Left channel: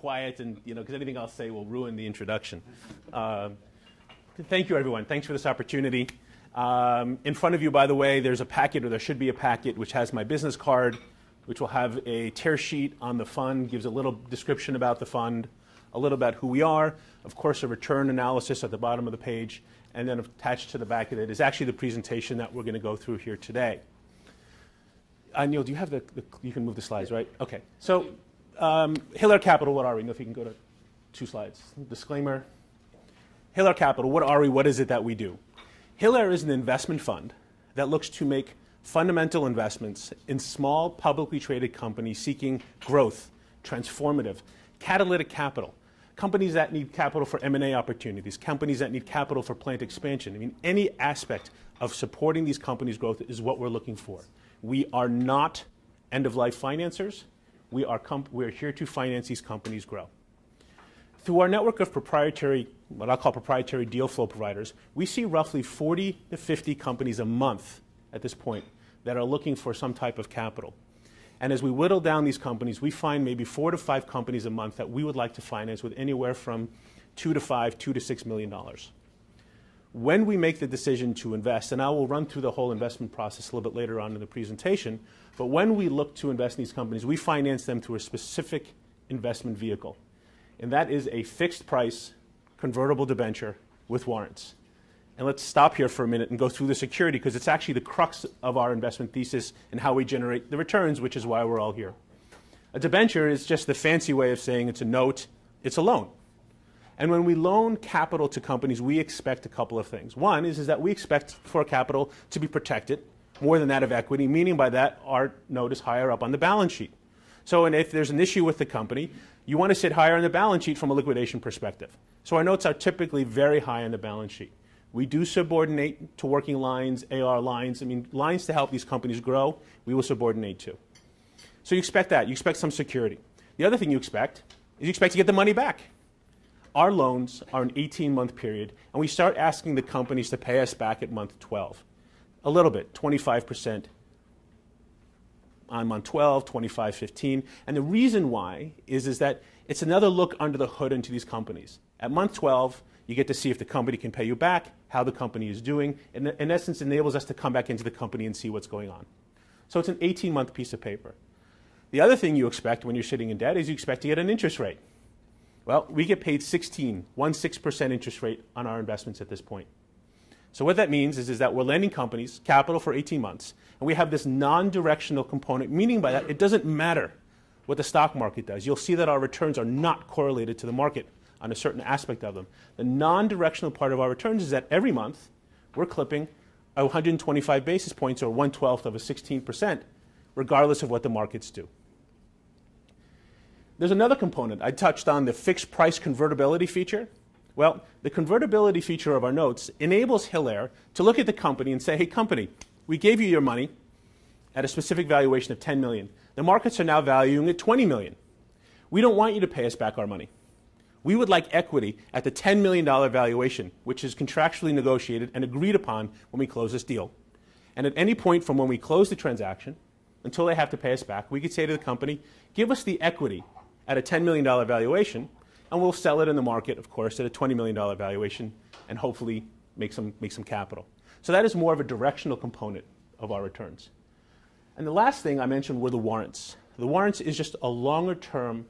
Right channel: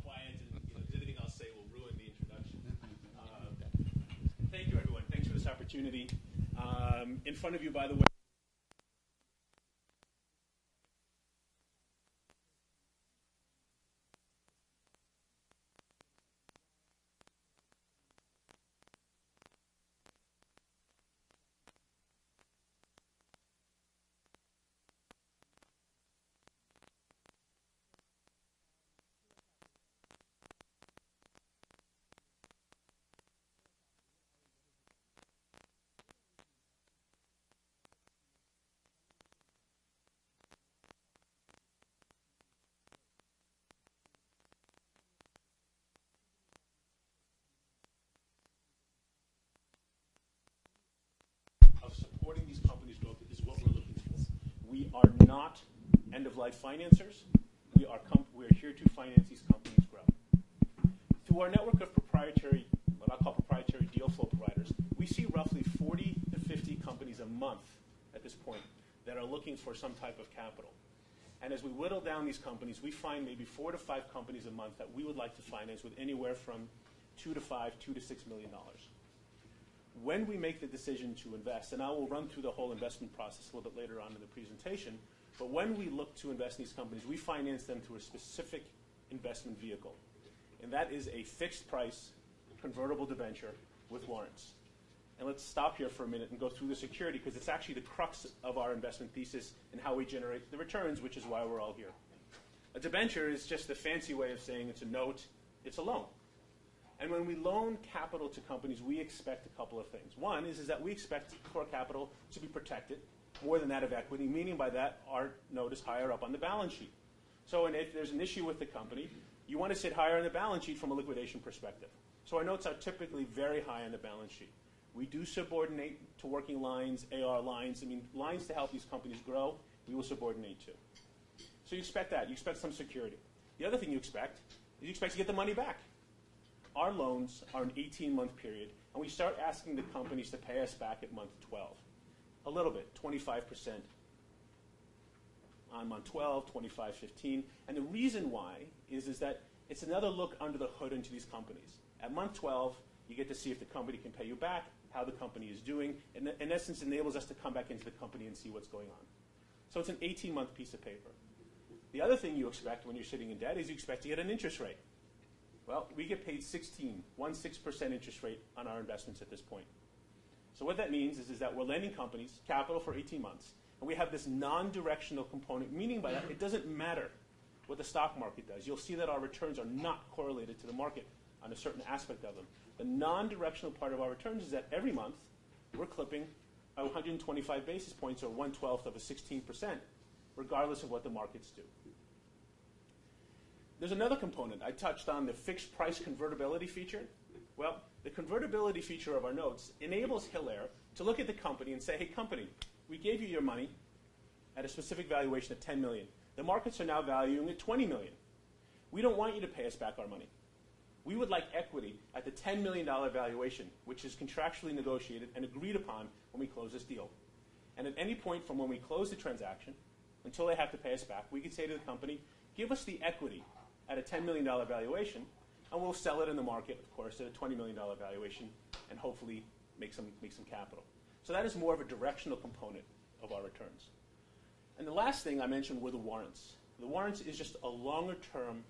quiet, and because anything I'll say will ruin the introduction. Thank you, everyone. Thanks for this opportunity. In front of you, by the way, there's a packet, or there should be a packet, which has my business card, which will have a tear sheet on the fund, gives a little description about the fund, a little about who we are, of course, a return analysis at the bottom of the page, and then attached to the back of it is actually the presentation that we're going to go through here today. Neil, do you have you can move the slides, right? Okay. So, Hillair Capital, what are we? If you can go to 2 slides. Disclaimer. Hillair Capital, what are we? What is it that we do? Hillair is an investment fund that looks to make fundamental investments in small, publicly traded companies seeking growth, transformative, catalytic capital. Companies that need capital for M&A opportunities, companies that need capital for plant expansion. I mean, any aspect of supporting these companies' growth is what we're looking for. We are not end-of-life financiers. We're here to finance these companies grow. Through our network of proprietary, what I'll call proprietary deal flow providers, we see roughly 40 to 50 companies a month at this point that are looking for some type of capital. And as we whittle down these companies, we find maybe 4 to 5 companies a month that we would like to finance with anywhere from $2 to $5, $2 to $6 million. When we make the decision to invest, and I will run through the whole investment process a little bit later on in the presentation, but when we look to invest in these companies, we finance them through a specific investment vehicle. And that is a fixed price convertible debenture with warrants. And let's stop here for a minute and go through the security, because it's actually the crux of our investment thesis and how we generate the returns, which is why we're all here. A debenture is just the fancy way of saying it's a note, it's a loan. And when we loan capital to companies, we expect a couple of things. One is that we expect for capital to be protected more than that of equity, meaning by that our note is higher up on the balance sheet. So and if there's an issue with the company, you want to sit higher on the balance sheet from a liquidation perspective. So our notes are typically very high on the balance sheet. We do subordinate to working lines, AR lines. I mean, lines to help these companies grow, we will subordinate to. So you expect that. You expect some security. The other thing you expect is you expect to get the money back. Our loans are an 18-month period, and we start asking the companies to pay us back at month 12. A little bit, 25% on month 12, 25, 15. And the reason why is that it's another look under the hood into these companies. At month 12, you get to see if the company can pay you back, how the company is doing, and in essence enables us to come back into the company and see what's going on. So it's an 18-month piece of paper. The other thing you expect when you're sitting in debt is you expect to get an interest rate. Well, we get paid 16% interest rate on our investments at this point. So what that means is that we're lending companies capital for 18 months, and we have this non-directional component, meaning by that it doesn't matter what the stock market does. You'll see that our returns are not correlated to the market on a certain aspect of them. The non-directional part of our returns is that every month we're clipping 125 basis points, or 1/12 of a 16%, regardless of what the markets do. There's another component. I touched on the fixed price convertibility feature. Well, the convertibility feature of our notes enables Hillair to look at the company and say, hey, company, we gave you your money at a specific valuation of $10 million. The markets are now valuing it $20 million. We don't want you to pay us back our money. We would like equity at the $10 million valuation, which is contractually negotiated and agreed upon when we close this deal. And at any point from when we close the transaction until they have to pay us back, we could say to the company, give us the equity at a $10 million valuation, and we'll sell it in the market, of course, at a $20 million valuation, and hopefully make some capital. So that is more of a directional component of our returns. And the last thing I mentioned were the warrants. The warrants is just a longer-term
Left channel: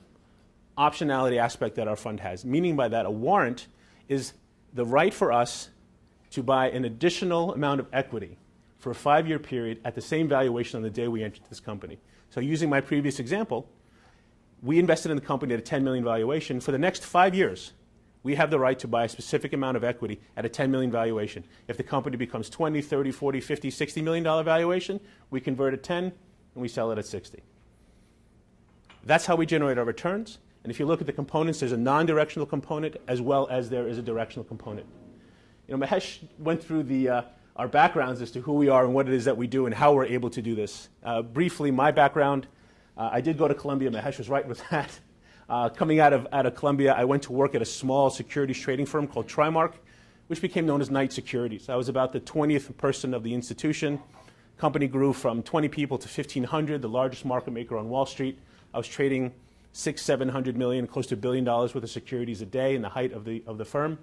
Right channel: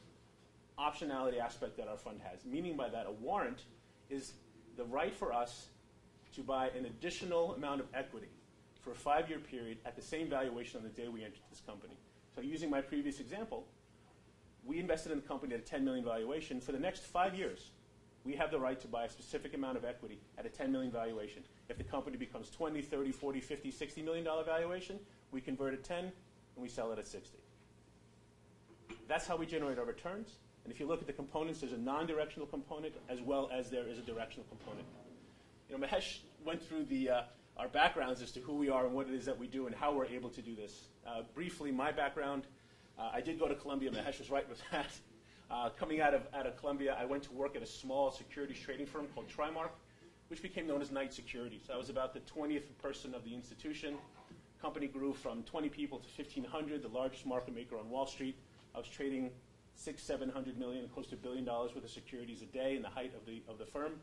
optionality aspect that our fund has, meaning by that a warrant is the right for us to buy an additional amount of equity for a 5-year period at the same valuation on the day we entered this company. So using my previous example, we invested in the company at a $10 million valuation. For the next 5 years, we have the right to buy a specific amount of equity at a $10 million valuation. If the company becomes 20, 30, 40, 50, $60 million valuation, we convert at 10 and we sell it at 60. That's how we generate our returns. And if you look at the components, there's a non-directional component as well as there is a directional component. You know, Mahesh went through our backgrounds as to who we are and what it is that we do and how we're able to do this. Briefly, my background, I did go to Columbia. Mahesh was right with that. Coming out of Columbia, I went to work at a small securities trading firm called Trimark, which became known as Knight Securities. I was about the 20th person of the institution. Company grew from 20 people to 1,500, the largest market maker on Wall Street. I was trading $600-700 million, close to $1 billion worth of securities a day in the height of the firm.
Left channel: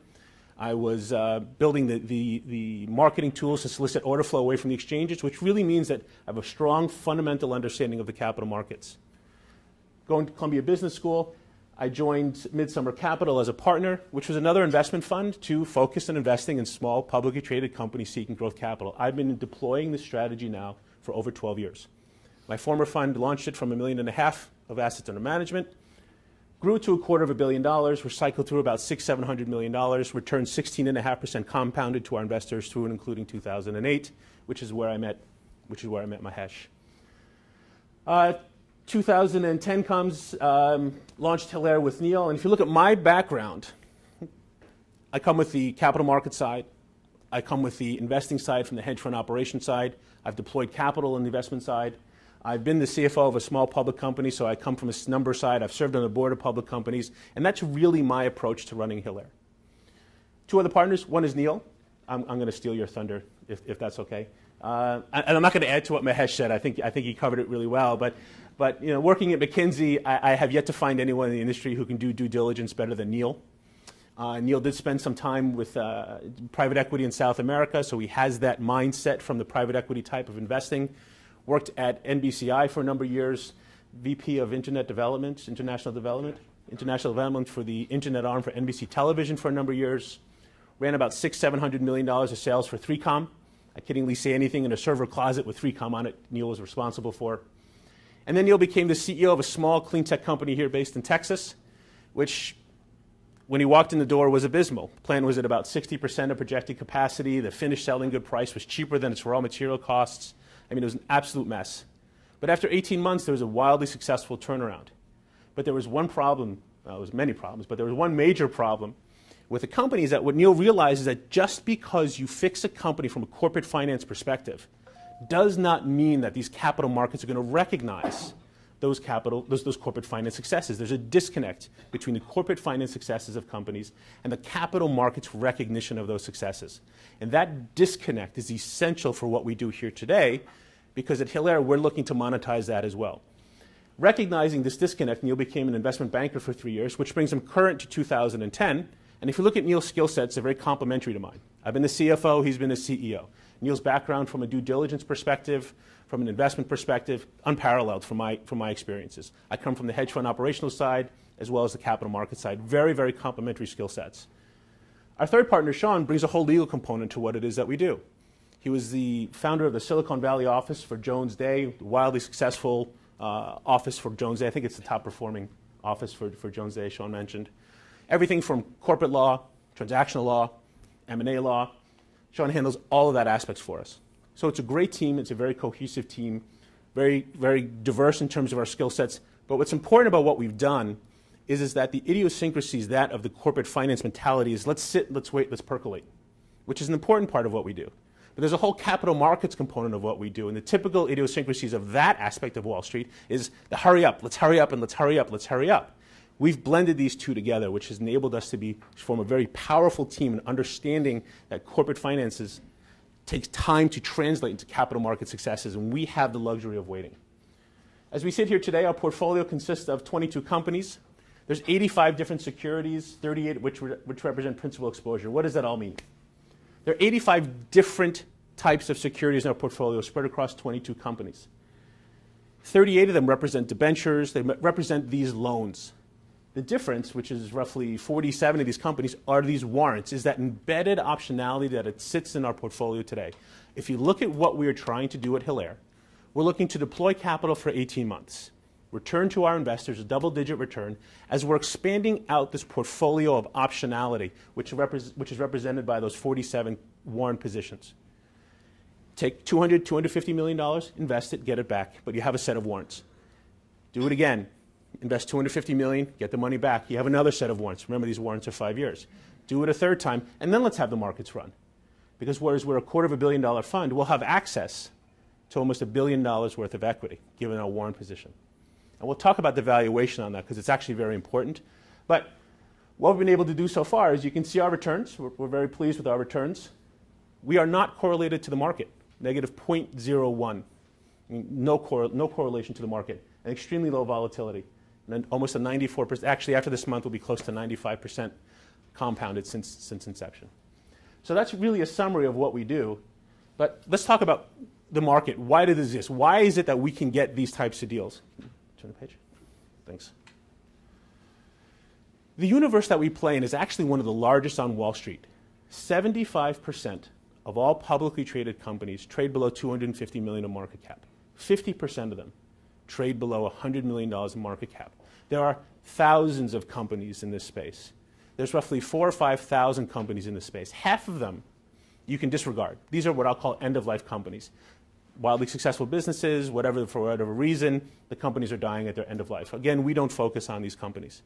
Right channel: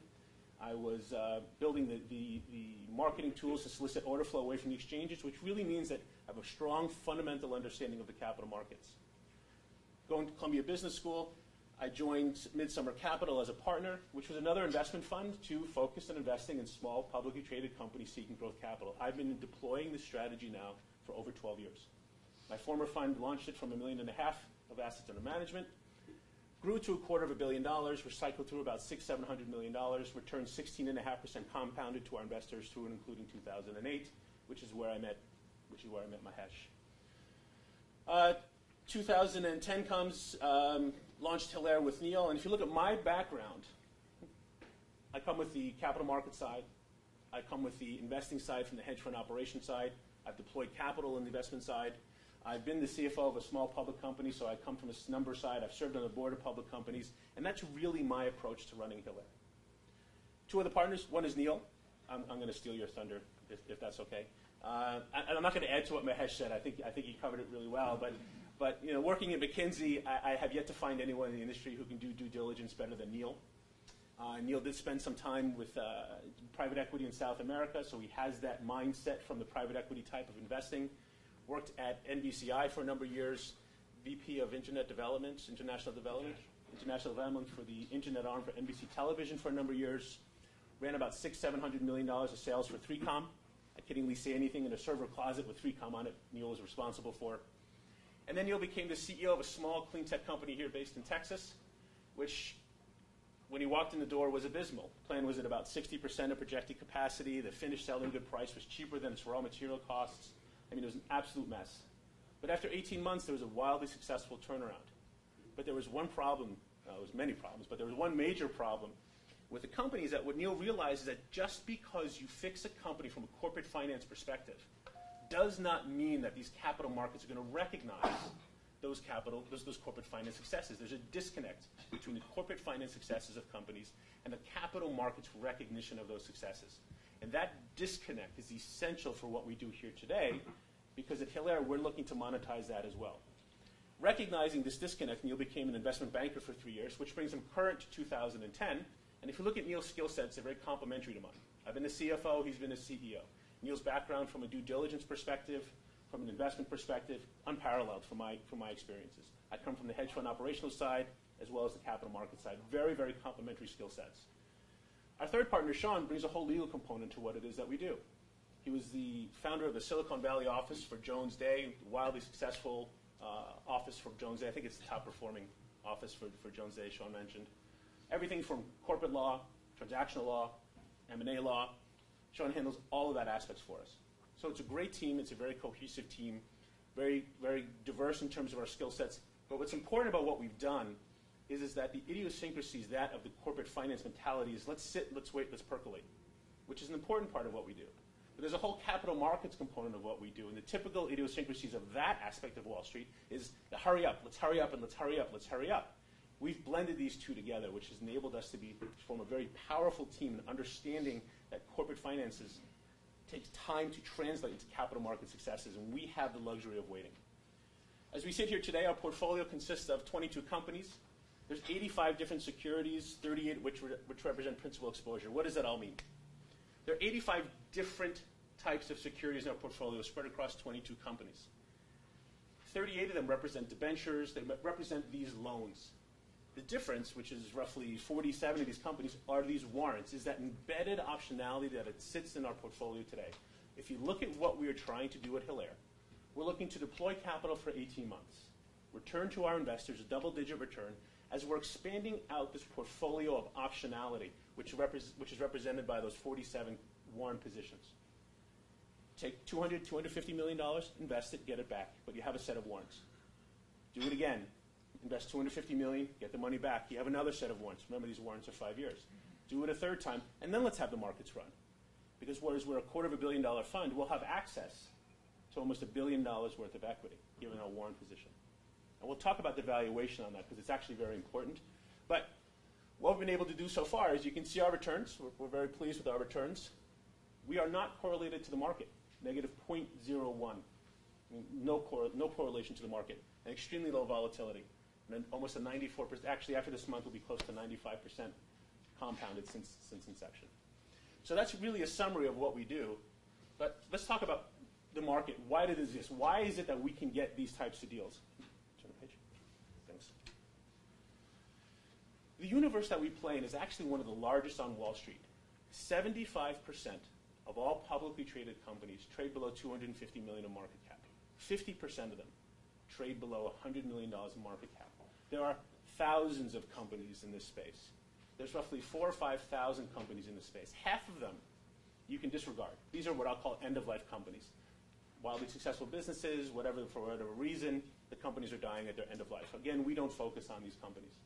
I was building the marketing tools to solicit order flow away from the exchanges, which really means that I have a strong fundamental understanding of the capital markets. Going to Columbia Business School, I joined Midsummer Capital as a partner, which was another investment fund to focus on investing in small, publicly traded companies seeking growth capital. I've been deploying this strategy now for over 12 years. My former fund launched it from $1.5 million of assets under management, grew to $250 million, recycled through about $600-700 million, returned 16.5% compounded to our investors through and including 2008, which is where I met Mahesh. 2010 comes, launched Hillair with Neil, and if you look at my background, I come with the capital market side, I come with the investing side from the hedge fund operation side, I've deployed capital on the investment side, I've been the CFO of a small public company, so I come from a number side, I've served on the board of public companies, and that's really my approach to running Hillair. Two other partners, one is Neil. I'm going to steal your thunder, if that's okay. And I'm not going to add to what Mahesh said, I think he covered it really well, but you know, working at McKinsey, I have yet to find anyone in the industry who can do due diligence better than Neil. Neil did spend some time with private equity in South America, so he has that mindset from the private equity type of investing. Worked at NBCI for a number of years, VP of International Development for the Internet arm for NBC Television for a number of years. Ran about $600-700 million of sales for 3Com. I kiddingly say anything in a server closet with 3Com on it, Neil was responsible for. And then Neil became the CEO of a small clean tech company here based in Texas, which, when he walked in the door, was abysmal. The plan was at about 60% of projected capacity. The finished selling good price was cheaper than its raw material costs. I mean, it was an absolute mess. But after 18 months, there was a wildly successful turnaround. But there was one problem, well, there was many problems, but there was one major problem with the company is that what Neil realized is that just because you fix a company from a corporate finance perspective does not mean that these capital markets are going to recognize those corporate finance successes. There's a disconnect between the corporate finance successes of companies and the capital markets recognition of those successes. And that disconnect is essential for what we do here today, because at Hillair, we're looking to monetize that as well. Recognizing this disconnect, Neil became an investment banker for 3 years, which brings him current to 2010. And if you look at Neil's skill sets, they're very complementary to mine. I've been the CFO, he's been the CEO. Neil's background from a due diligence perspective, from an investment perspective, unparalleled from my experiences. I come from the hedge fund operational side as well as the capital market side. Very, very complementary skill sets. Our third partner, Sean, brings a whole legal component to what it is that we do. He was the founder of the Silicon Valley office for Jones Day, wildly successful office for Jones Day. I think it's the top performing office for Jones Day, Sean mentioned. Everything from corporate law, transactional law, M&A law. Sean handles all of that aspects for us. So it's a great team. It's a very cohesive team, very, very diverse in terms of our skill sets. But what's important about what we've done is that the idiosyncrasies that of the corporate finance mentality is let's sit, let's wait, let's percolate, which is an important part of what we do. But there's a whole capital markets component of what we do. And the typical idiosyncrasies of that aspect of Wall Street is the hurry up, let's hurry up, and let's hurry up, let's hurry up. We've blended these two together, which has enabled us to form a very powerful team in understanding that corporate finances takes time to translate into capital market successes, and we have the luxury of waiting. As we sit here today, our portfolio consists of 22 companies. There's 85 different securities, 38 which represent principal exposure. What does that all mean? There are 85 different types of securities in our portfolio spread across 22 companies. 38 of them represent debentures. They represent these loans. The difference, which is roughly 47 of these companies, are these warrants, is that embedded optionality that it sits in our portfolio today. If you look at what we are trying to do at Hillair, we're looking to deploy capital for 18 months, return to our investors a double-digit return, as we're expanding out this portfolio of optionality, which is represented by those 47 warrant positions. Take $250 million, invest it, get it back, but you have a set of warrants. Do it again. Invest $250 million, get the money back. You have another set of warrants. Remember, these warrants are 5 years. Do it a third time, and then let's have the markets run. Because whereas we're a $250 million fund, we'll have access to almost $1 billion worth of equity, given our warrant position. And we'll talk about the valuation on that, because it's actually very important. But what we've been able to do so far is you can see our returns. We're very pleased with our returns. We are not correlated to the market, negative 0.01. I mean, no correlation to the market, and extremely low volatility. and almost a 94%, actually after this month will be close to 95% compounded since inception. So that's really a summary of what we do. But let's talk about the market. Why does it exist? Why is it that we can get these types of deals? Turn the page. Thanks. The universe that we play in is actually one of the largest on Wall Street. 75% of all publicly traded companies trade below $250 million in market cap. 50% of them trade below $100 million in market cap. There are thousands of companies in this space. There's roughly 4,000 or 5,000 companies in this space. Half of them you can disregard. These are what I'll call end-of-life companies. Wildly successful businesses, for whatever reason, the companies are dying at their end of life. Again, we don't focus on these companies.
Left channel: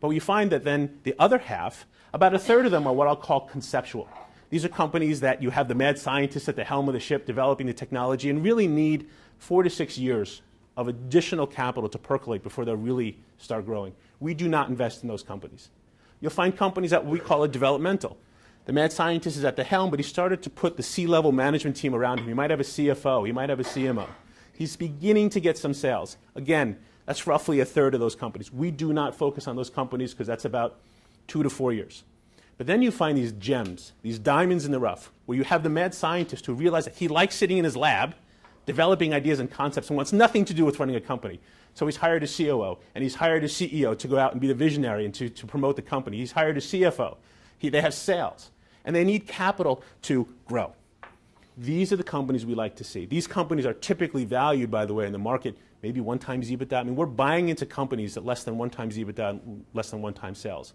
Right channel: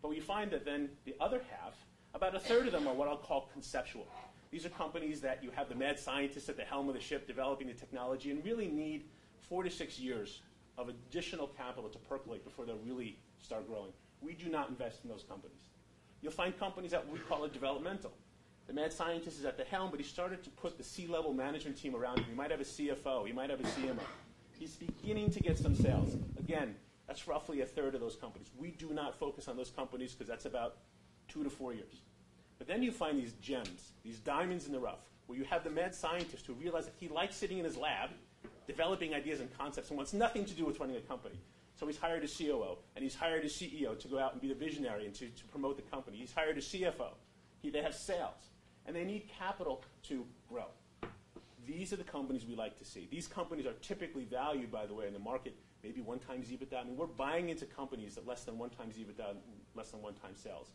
But you find that then the other half, about a third of them are what I'll call conceptual. These are companies that you have the mad scientists at the helm of the ship developing the technology and really need 4 to 6 years of additional capital to percolate before they'll really start growing. We do not invest in those companies. You'll find companies that we call developmental. The mad scientist is at the helm, but he started to put the C-level management team around him. He might have a CFO. He might have a CMO. He's beginning to get some sales. Again, that's roughly a third of those companies. We do not focus on those companies because that's about 2 to 4 years. But then you find these gems, these diamonds in the rough, where you have the mad scientist who realizes that he likes sitting in his lab, developing ideas and concepts, and wants nothing to do with running a company. So he's hired a COO, and he's hired a CEO to go out and be the visionary and to promote the company. He's hired a CFO. They have sales, and they need capital to grow. These are the companies we like to see. These companies are typically valued, by the way, in the market, maybe 1 times EBITDA. I mean, we're buying into companies at less than 1 times EBITDA and less than 1 time sales.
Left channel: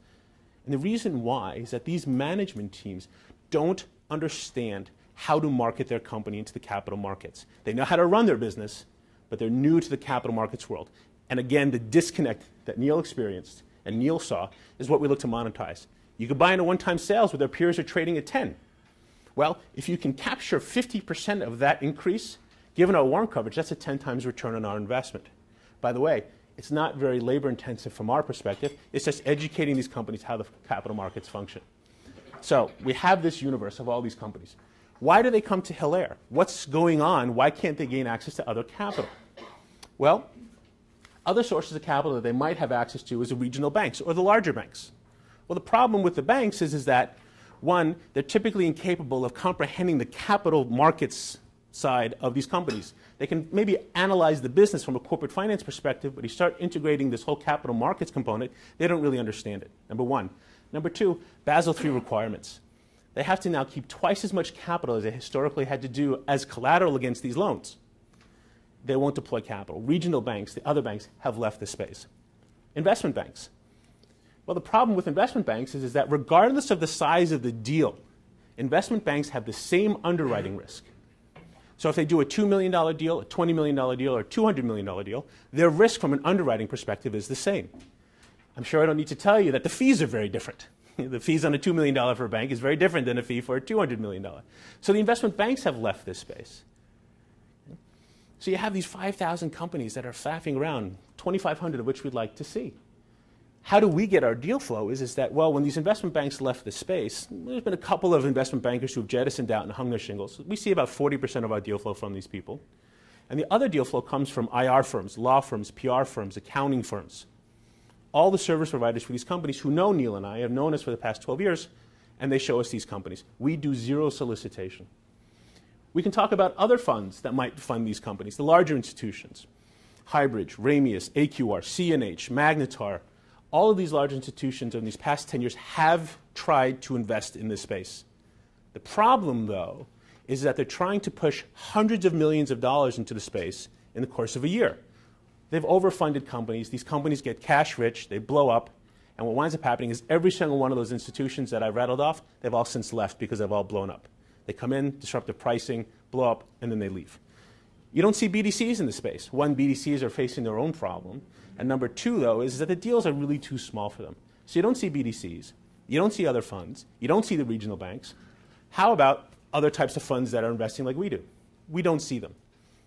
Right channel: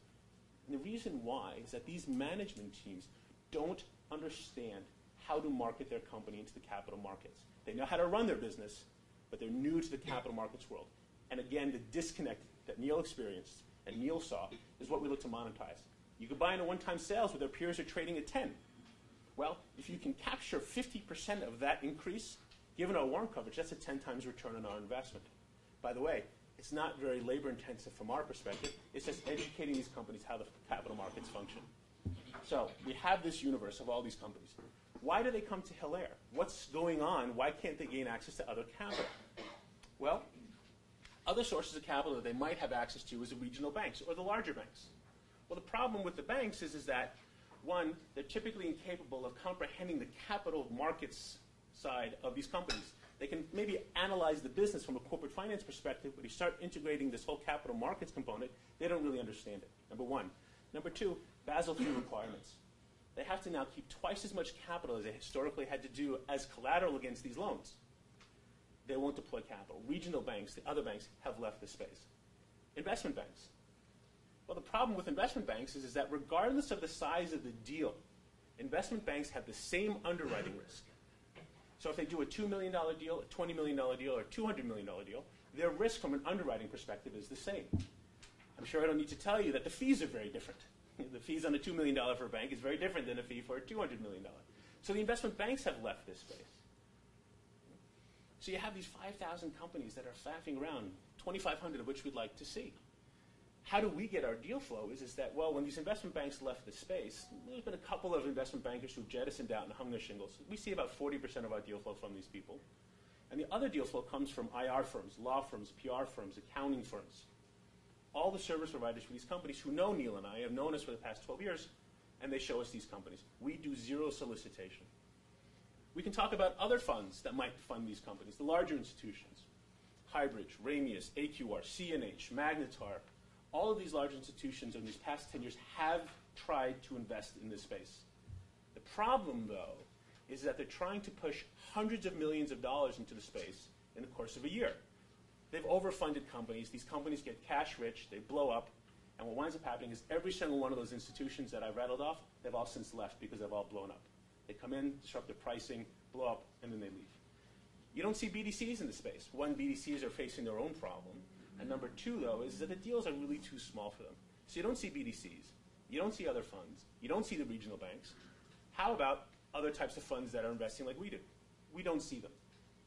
And the reason why is that these management teams don't understand how to market their company into the capital markets. They know how to run their business, but they're new to the capital markets world. And again, the disconnect that Neil experienced and Neil saw is what we look to monetize. You could buy into 1-time sales where their peers are trading at 10. Well, if you can capture 50% of that increase, given our warrant coverage, that's a 10 times return on our investment. By the way, it's not very labor intensive from our perspective. It's just educating these companies how the capital markets function. So we have this universe of all these companies. Why do they come to Hillair? What's going on? Why can't they gain access to other capital? Well, other sources of capital that they might have access to is the regional banks or the larger banks. Well, the problem with the banks is that, one, they're typically incapable of comprehending the capital markets side of these companies. They can maybe analyze the business from a corporate finance perspective, but you start integrating this whole capital markets component, they don't really understand it, number one. Number two, Basel III requirements. They have to now keep twice as much capital as they historically had to do as collateral against these loans. They won't deploy capital. Regional banks, the other banks, have left the space. Investment banks. Well, the problem with investment banks is that regardless of the size of the deal, investment banks have the same underwriting risk. So if they do a $2 million deal, a $20 million deal, or a $200 million deal, their risk from an underwriting perspective is the same. I'm sure I don't need to tell you that the fees are very different. The fees on a $2 million for a bank is very different than a fee for a $200 million. So the investment banks have left this space. So you have these 5,000 companies that are faffing around, 2,500 of which we'd like to see. How do we get our deal flow is that, well, when these investment banks left the space, there's been a couple of investment bankers who've jettisoned out and hung their shingles. We see about 40% of our deal flow from these people. And the other deal flow comes from IR firms, law firms, PR firms, accounting firms. All the service providers for these companies who know Neil and I have known us for the past 12 years, and they show us these companies. We do zero solicitation. We can talk about other funds that might fund these companies, the larger institutions. Highbridge, Ramius, AQR, CNH, Magnetar. All of these large institutions in these past 10 years have tried to invest in this space. The problem, though, is that they're trying to push hundreds of millions of dollars into the space in the course of a year. They've overfunded companies. These companies get cash rich. They blow up. And what winds up happening is every single one of those institutions that I rattled off, they've all since left because they've all blown up. They come in, disrupt the pricing, blow up, and then they leave. You don't see BDCs in the space. One, BDCs are facing their own problem. And number two, though, is that the deals are really too small for them. So you don't see BDCs. You don't see other funds. You don't see the regional banks. How about other types of funds that are investing like we do? We don't see them.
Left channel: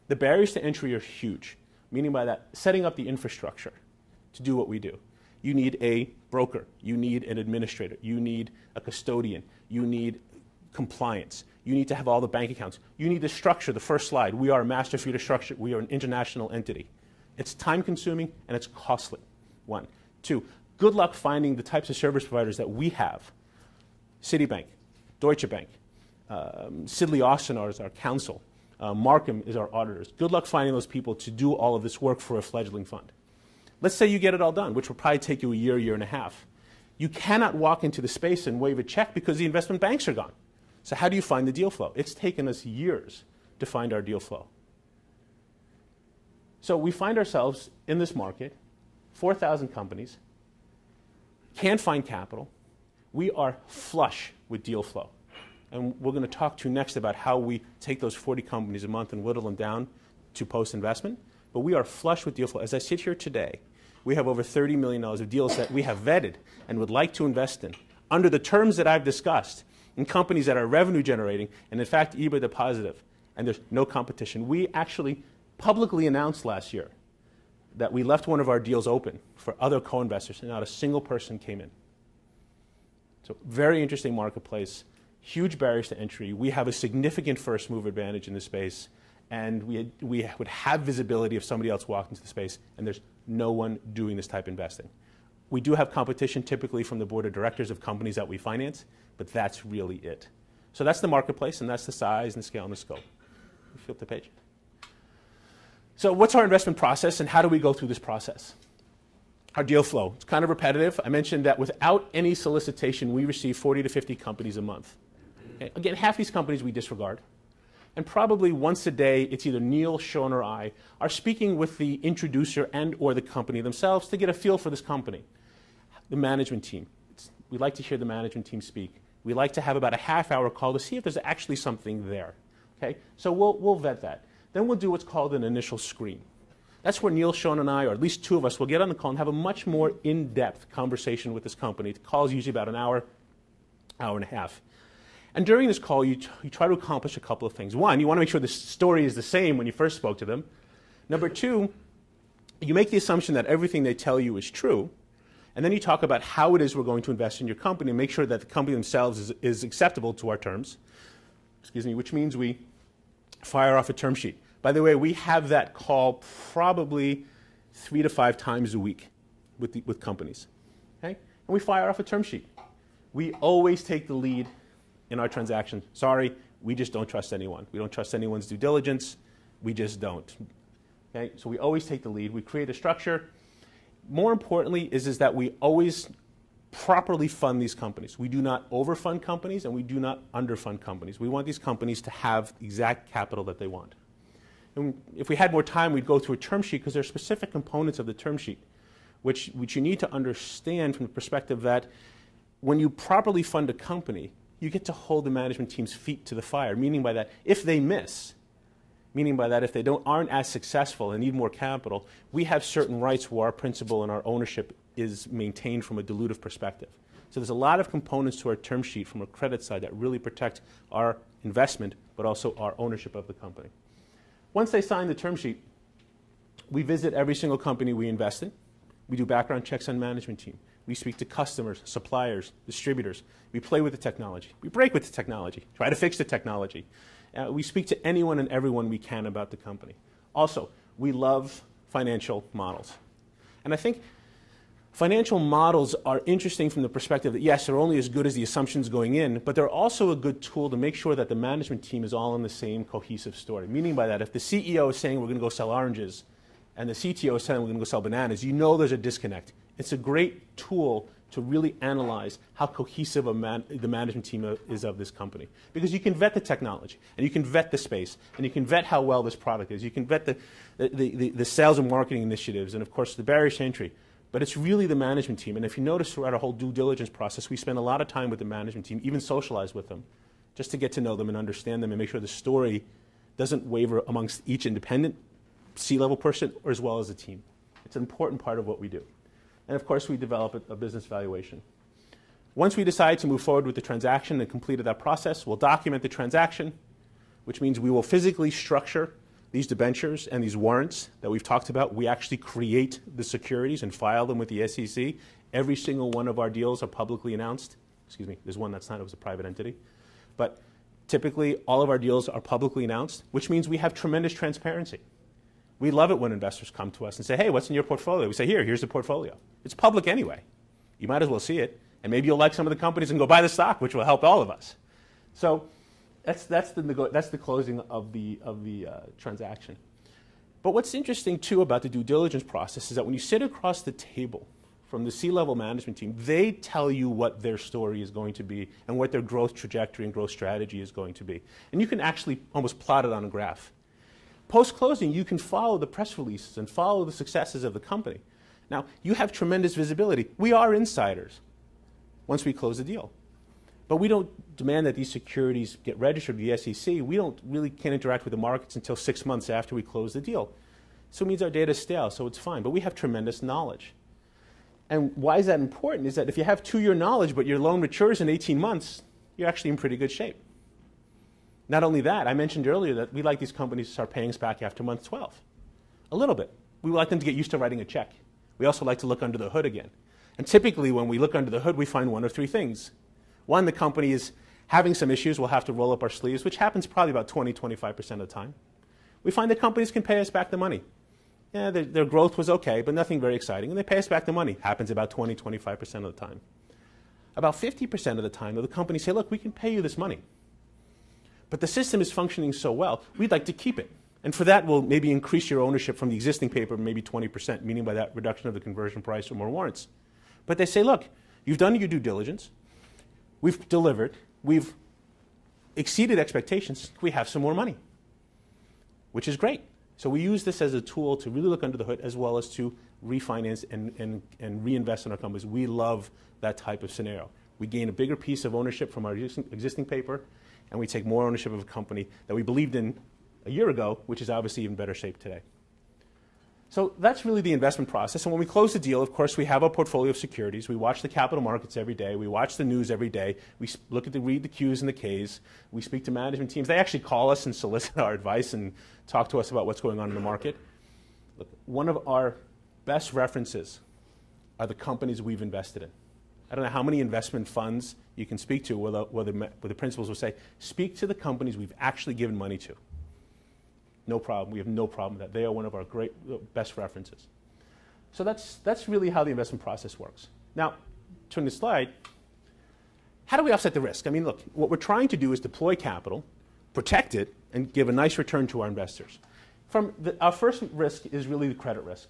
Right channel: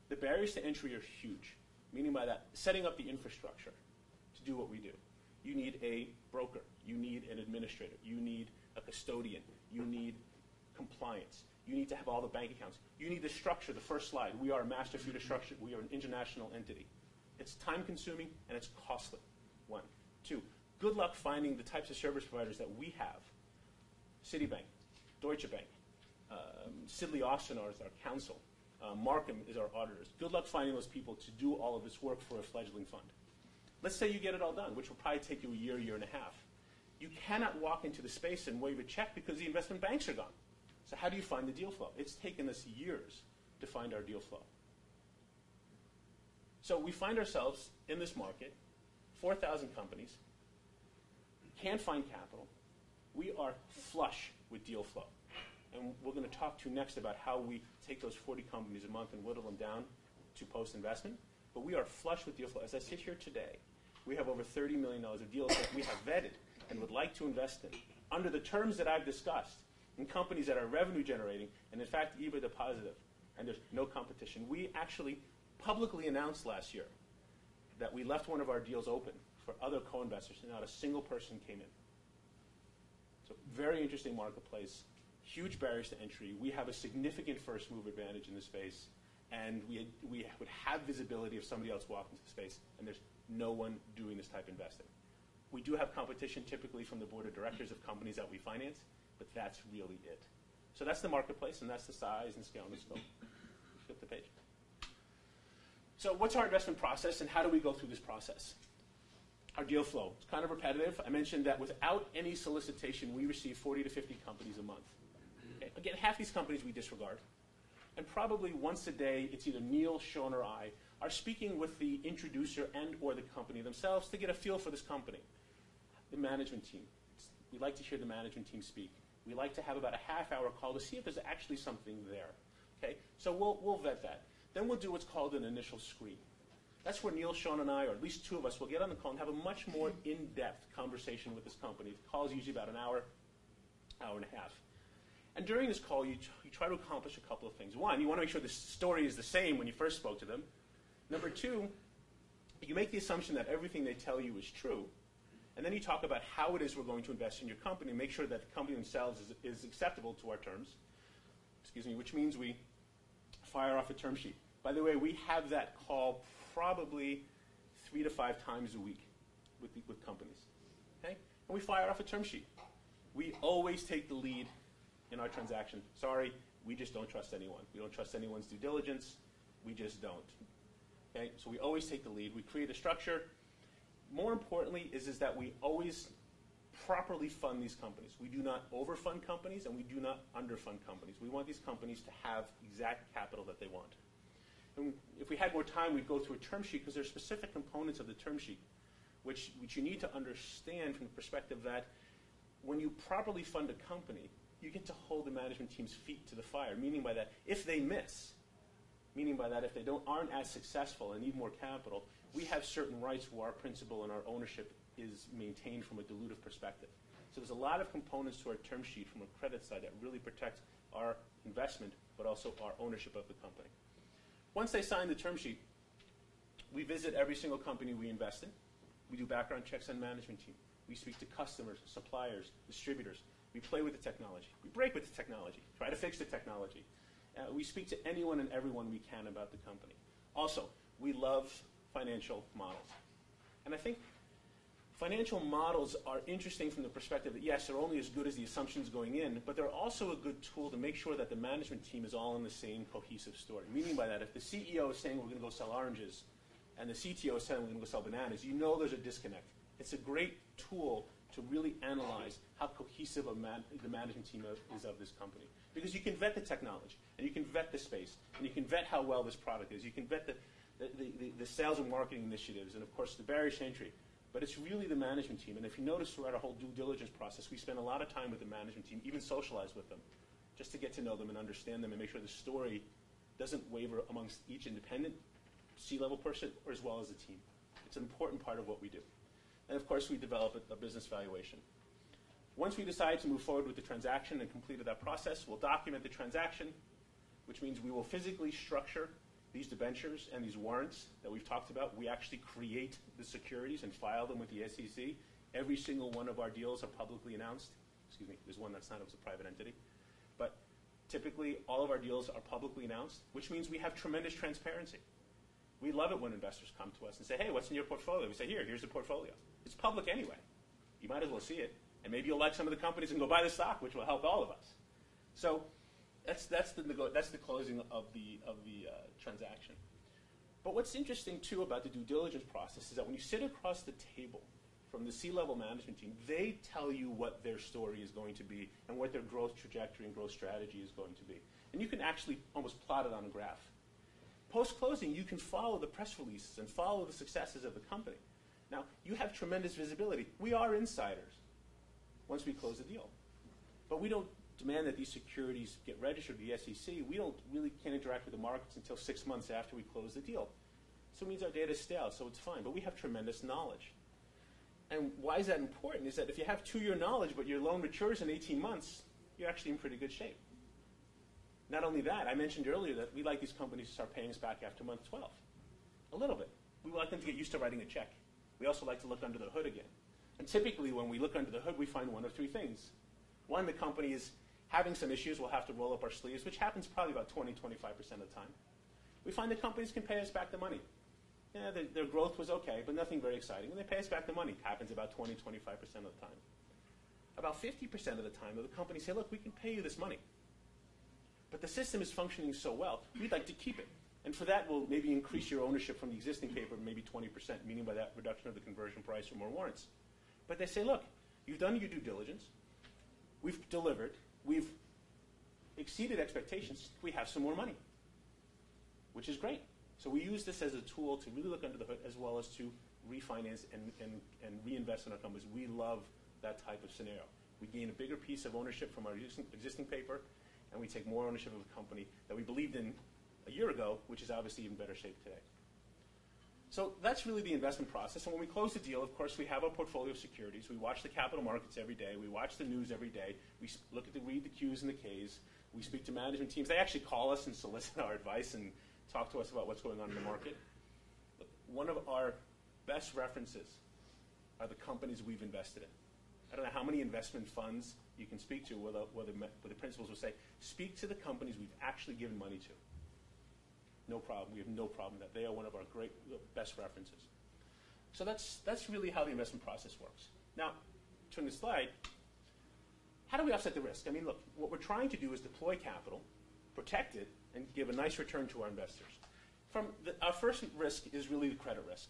The barriers to entry are huge, meaning by that, setting up the infrastructure to do what we do. You need a broker. You need an administrator. You need a custodian. You need compliance. You need to have all the bank accounts. You need the structure, the first slide. We are a master feeder structure. We are an international entity. It's time-consuming and it's costly. One. Two, good luck finding the types of service providers that we have. Citibank, Deutsche Bank, Sidley Austin is our counsel, Markham is our auditors. Good luck finding those people to do all of this work for a fledgling fund. Let's say you get it all done, which will probably take you a year and a half. You cannot walk into the space and wave a check because the investment banks are gone. So how do you find the deal flow? It's taken us years to find our deal flow. So we find ourselves in this market, 4,000 companies, can't find capital. We are flush with deal flow. And we're going to talk to you next about how we take those 40 companies a month and whittle them down to post-investment. But we are flush with deal flow. As I sit here today, we have over $30 million of deals that we have vetted and would like to invest in under the terms that I've discussed in companies that are revenue generating and in fact EBITDA positive, and there's no competition. We actually publicly announced last year that we left one of our deals open for other co-investors and not a single person came in. So very interesting marketplace, huge barriers to entry. We have a significant first move advantage in this space, and we would have visibility if somebody else walked into the space, and there's no one doing this type of investing. We do have competition typically from the board of directors of companies that we finance, but that's really it. So that's the marketplace, and that's the size and the scale and the scope. Flip the page. So what's our investment process, and how do we go through this process? Our deal flow. It's kind of repetitive. I mentioned that without any solicitation, we receive 40 to 50 companies a month. Okay? Again, half these companies we disregard. And probably once a day, it's either Neil, Sean, or I are speaking with the introducer and or the company themselves to get a feel for this company. The management team. We like to hear the management team speak. We like to have about a half-hour call to see if there's actually something there. Okay? So we'll vet that. Then we'll do what's called an initial screen. That's where Neil, Sean, and I, or at least two of us, will get on the call and have a much more in-depth conversation with this company. The call is usually about an hour, hour and a half. And during this call, you try to accomplish a couple of things. One, you want to make sure the story is the same when you first spoke to them. Number two, you make the assumption that everything they tell you is true. And then you talk about how it is we're going to invest in your company and make sure that the company themselves is acceptable to our terms. Excuse me, which means we fire off a term sheet. By the way, we have that call probably 3 to 5 times a week with companies. Okay? And we fire off a term sheet. We always take the lead in our transaction. Sorry, we just don't trust anyone. We don't trust anyone's due diligence. We just don't. Okay? So we always take the lead. We create a structure. More importantly is that we always properly fund these companies. We do not overfund companies and we do not underfund companies. We want these companies to have exact capital that they want. And if we had more time, we'd go through a term sheet because there are specific components of the term sheet which you need to understand from the perspective that when you properly fund a company, you get to hold the management team's feet to the fire, meaning by that if they miss, meaning by that if they aren't as successful and need more capital, we have certain rights where our principal and our ownership is maintained from a dilutive perspective. So there's a lot of components to our term sheet from a credit side that really protect our investment, but also our ownership of the company. Once they sign the term sheet, we visit every single company we invest in. We do background checks on management team. We speak to customers, suppliers, distributors. We play with the technology. We break with the technology, try to fix the technology. We speak to anyone and everyone we can about the company. Also, we love financial models. And I think financial models are interesting from the perspective that, yes, they're only as good as the assumptions going in, but they're also a good tool to make sure that the management team is all in the same cohesive story. Meaning by that, if the CEO is saying we're going to go sell oranges and the CTO is saying we're going to go sell bananas, you know there's a disconnect. It's a great tool to really analyze how cohesive the management team is of this company. Because you can vet the technology, and you can vet the space, and you can vet how well this product is. You can vet the sales and marketing initiatives, and of course the barriers to entry. But it's really the management team. And if you notice throughout our whole due diligence process, we spend a lot of time with the management team, even socialize with them, just to get to know them and understand them and make sure the story doesn't waver amongst each independent C-level person or as well as the team. It's an important part of what we do. And of course, we develop a business valuation. Once we decide to move forward with the transaction and completed that process, we'll document the transaction, which means we will physically structure these debentures and these warrants that we've talked about. We actually create the securities and file them with the SEC. Every single one of our deals are publicly announced. Excuse me, there's one that's not, it was a private entity. But typically, all of our deals are publicly announced, which means we have tremendous transparency. We love it when investors come to us and say, hey, what's in your portfolio? We say, here's the portfolio. It's public anyway. You might as well see it. And maybe you'll like some of the companies and go buy the stock, which will help all of us. So that's the closing of the transaction. But what's interesting, too, about the due diligence process is that when you sit across the table from the C-level management team, they tell you what their story is going to be and what their growth trajectory and growth strategy is going to be. And you can actually almost plot it on a graph. Post-closing, you can follow the press releases and follow the successes of the company. Now, you have tremendous visibility. We are insiders once we close the deal. But we don't demand that these securities get registered with the SEC. We can't interact with the markets until 6 months after we close the deal. So it means our data is stale, so it's fine. But we have tremendous knowledge. And why is that important? Is that if you have 2-year knowledge, but your loan matures in 18 months, you're actually in pretty good shape. Not only that, I mentioned earlier that we like these companies to start paying us back after month 12. A little bit. We like them to get used to writing a check. We also like to look under the hood again. And typically, when we look under the hood, we find one of 3 things. One, the company is having some issues. We'll have to roll up our sleeves, which happens probably about 20–25% of the time. We find that companies can pay us back the money. Yeah, their growth was okay, but nothing very exciting, and they pay us back the money. Happens about 20–25% of the time. About 50% of the time, though, the companies say, look, we can pay you this money. But the system is functioning so well, we'd like to keep it. And for that, we'll maybe increase your ownership from the existing paper maybe 20%, meaning by that reduction of the conversion price or more warrants. But they say, look, you've done your due diligence. We've delivered. We've exceeded expectations. We have some more money, which is great. So we use this as a tool to really look under the hood as well as to refinance and reinvest in our companies. We love that type of scenario. We gain a bigger piece of ownership from our existing paper, and we take more ownership of a company that we believed in a year ago, which is obviously in better shape today. So that's really the investment process. And when we close the deal, of course, we have a portfolio of securities. We watch the capital markets every day. We watch the news every day. We read the Qs and the Ks. We speak to management teams. They actually call us and solicit our advice and talk to us about what's going on in the market. Look, one of our best references are the companies we've invested in. I don't know how many investment funds you can speak to where the principals will say, speak to the companies we've actually given money to. No problem. We have no problem with that. They are one of our best references. So that's really how the investment process works. Now, turn the slide. How do we offset the risk? I mean, look, what we're trying to do is deploy capital, protect it, and give a nice return to our investors. Our first risk is really the credit risk.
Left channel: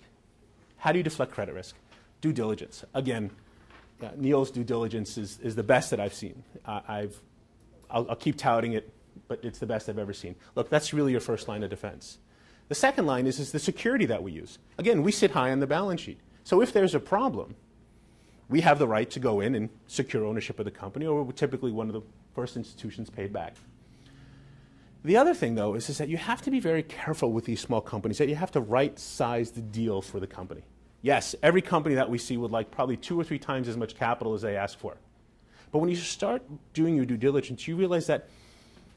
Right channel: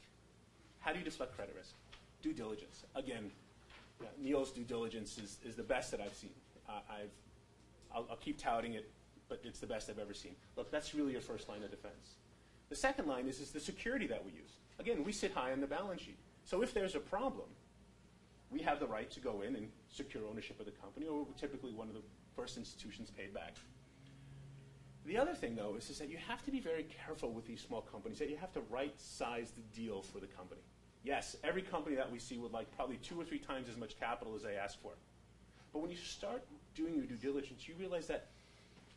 How do you deflect credit risk? Due diligence. Again, Neil's due diligence is the best that I've seen. I'll keep touting it, but it's the best I've ever seen. Look, that's really your first line of defense. The second line is the security that we use. Again, we sit high on the balance sheet. So if there's a problem, we have the right to go in and secure ownership of the company, or we're typically one of the first institutions paid back. The other thing, though, is that you have to be very careful with these small companies, that you have to right-size the deal for the company. Yes, every company that we see would like probably 2 or 3 times as much capital as they ask for. But when you start doing your due diligence, you realize that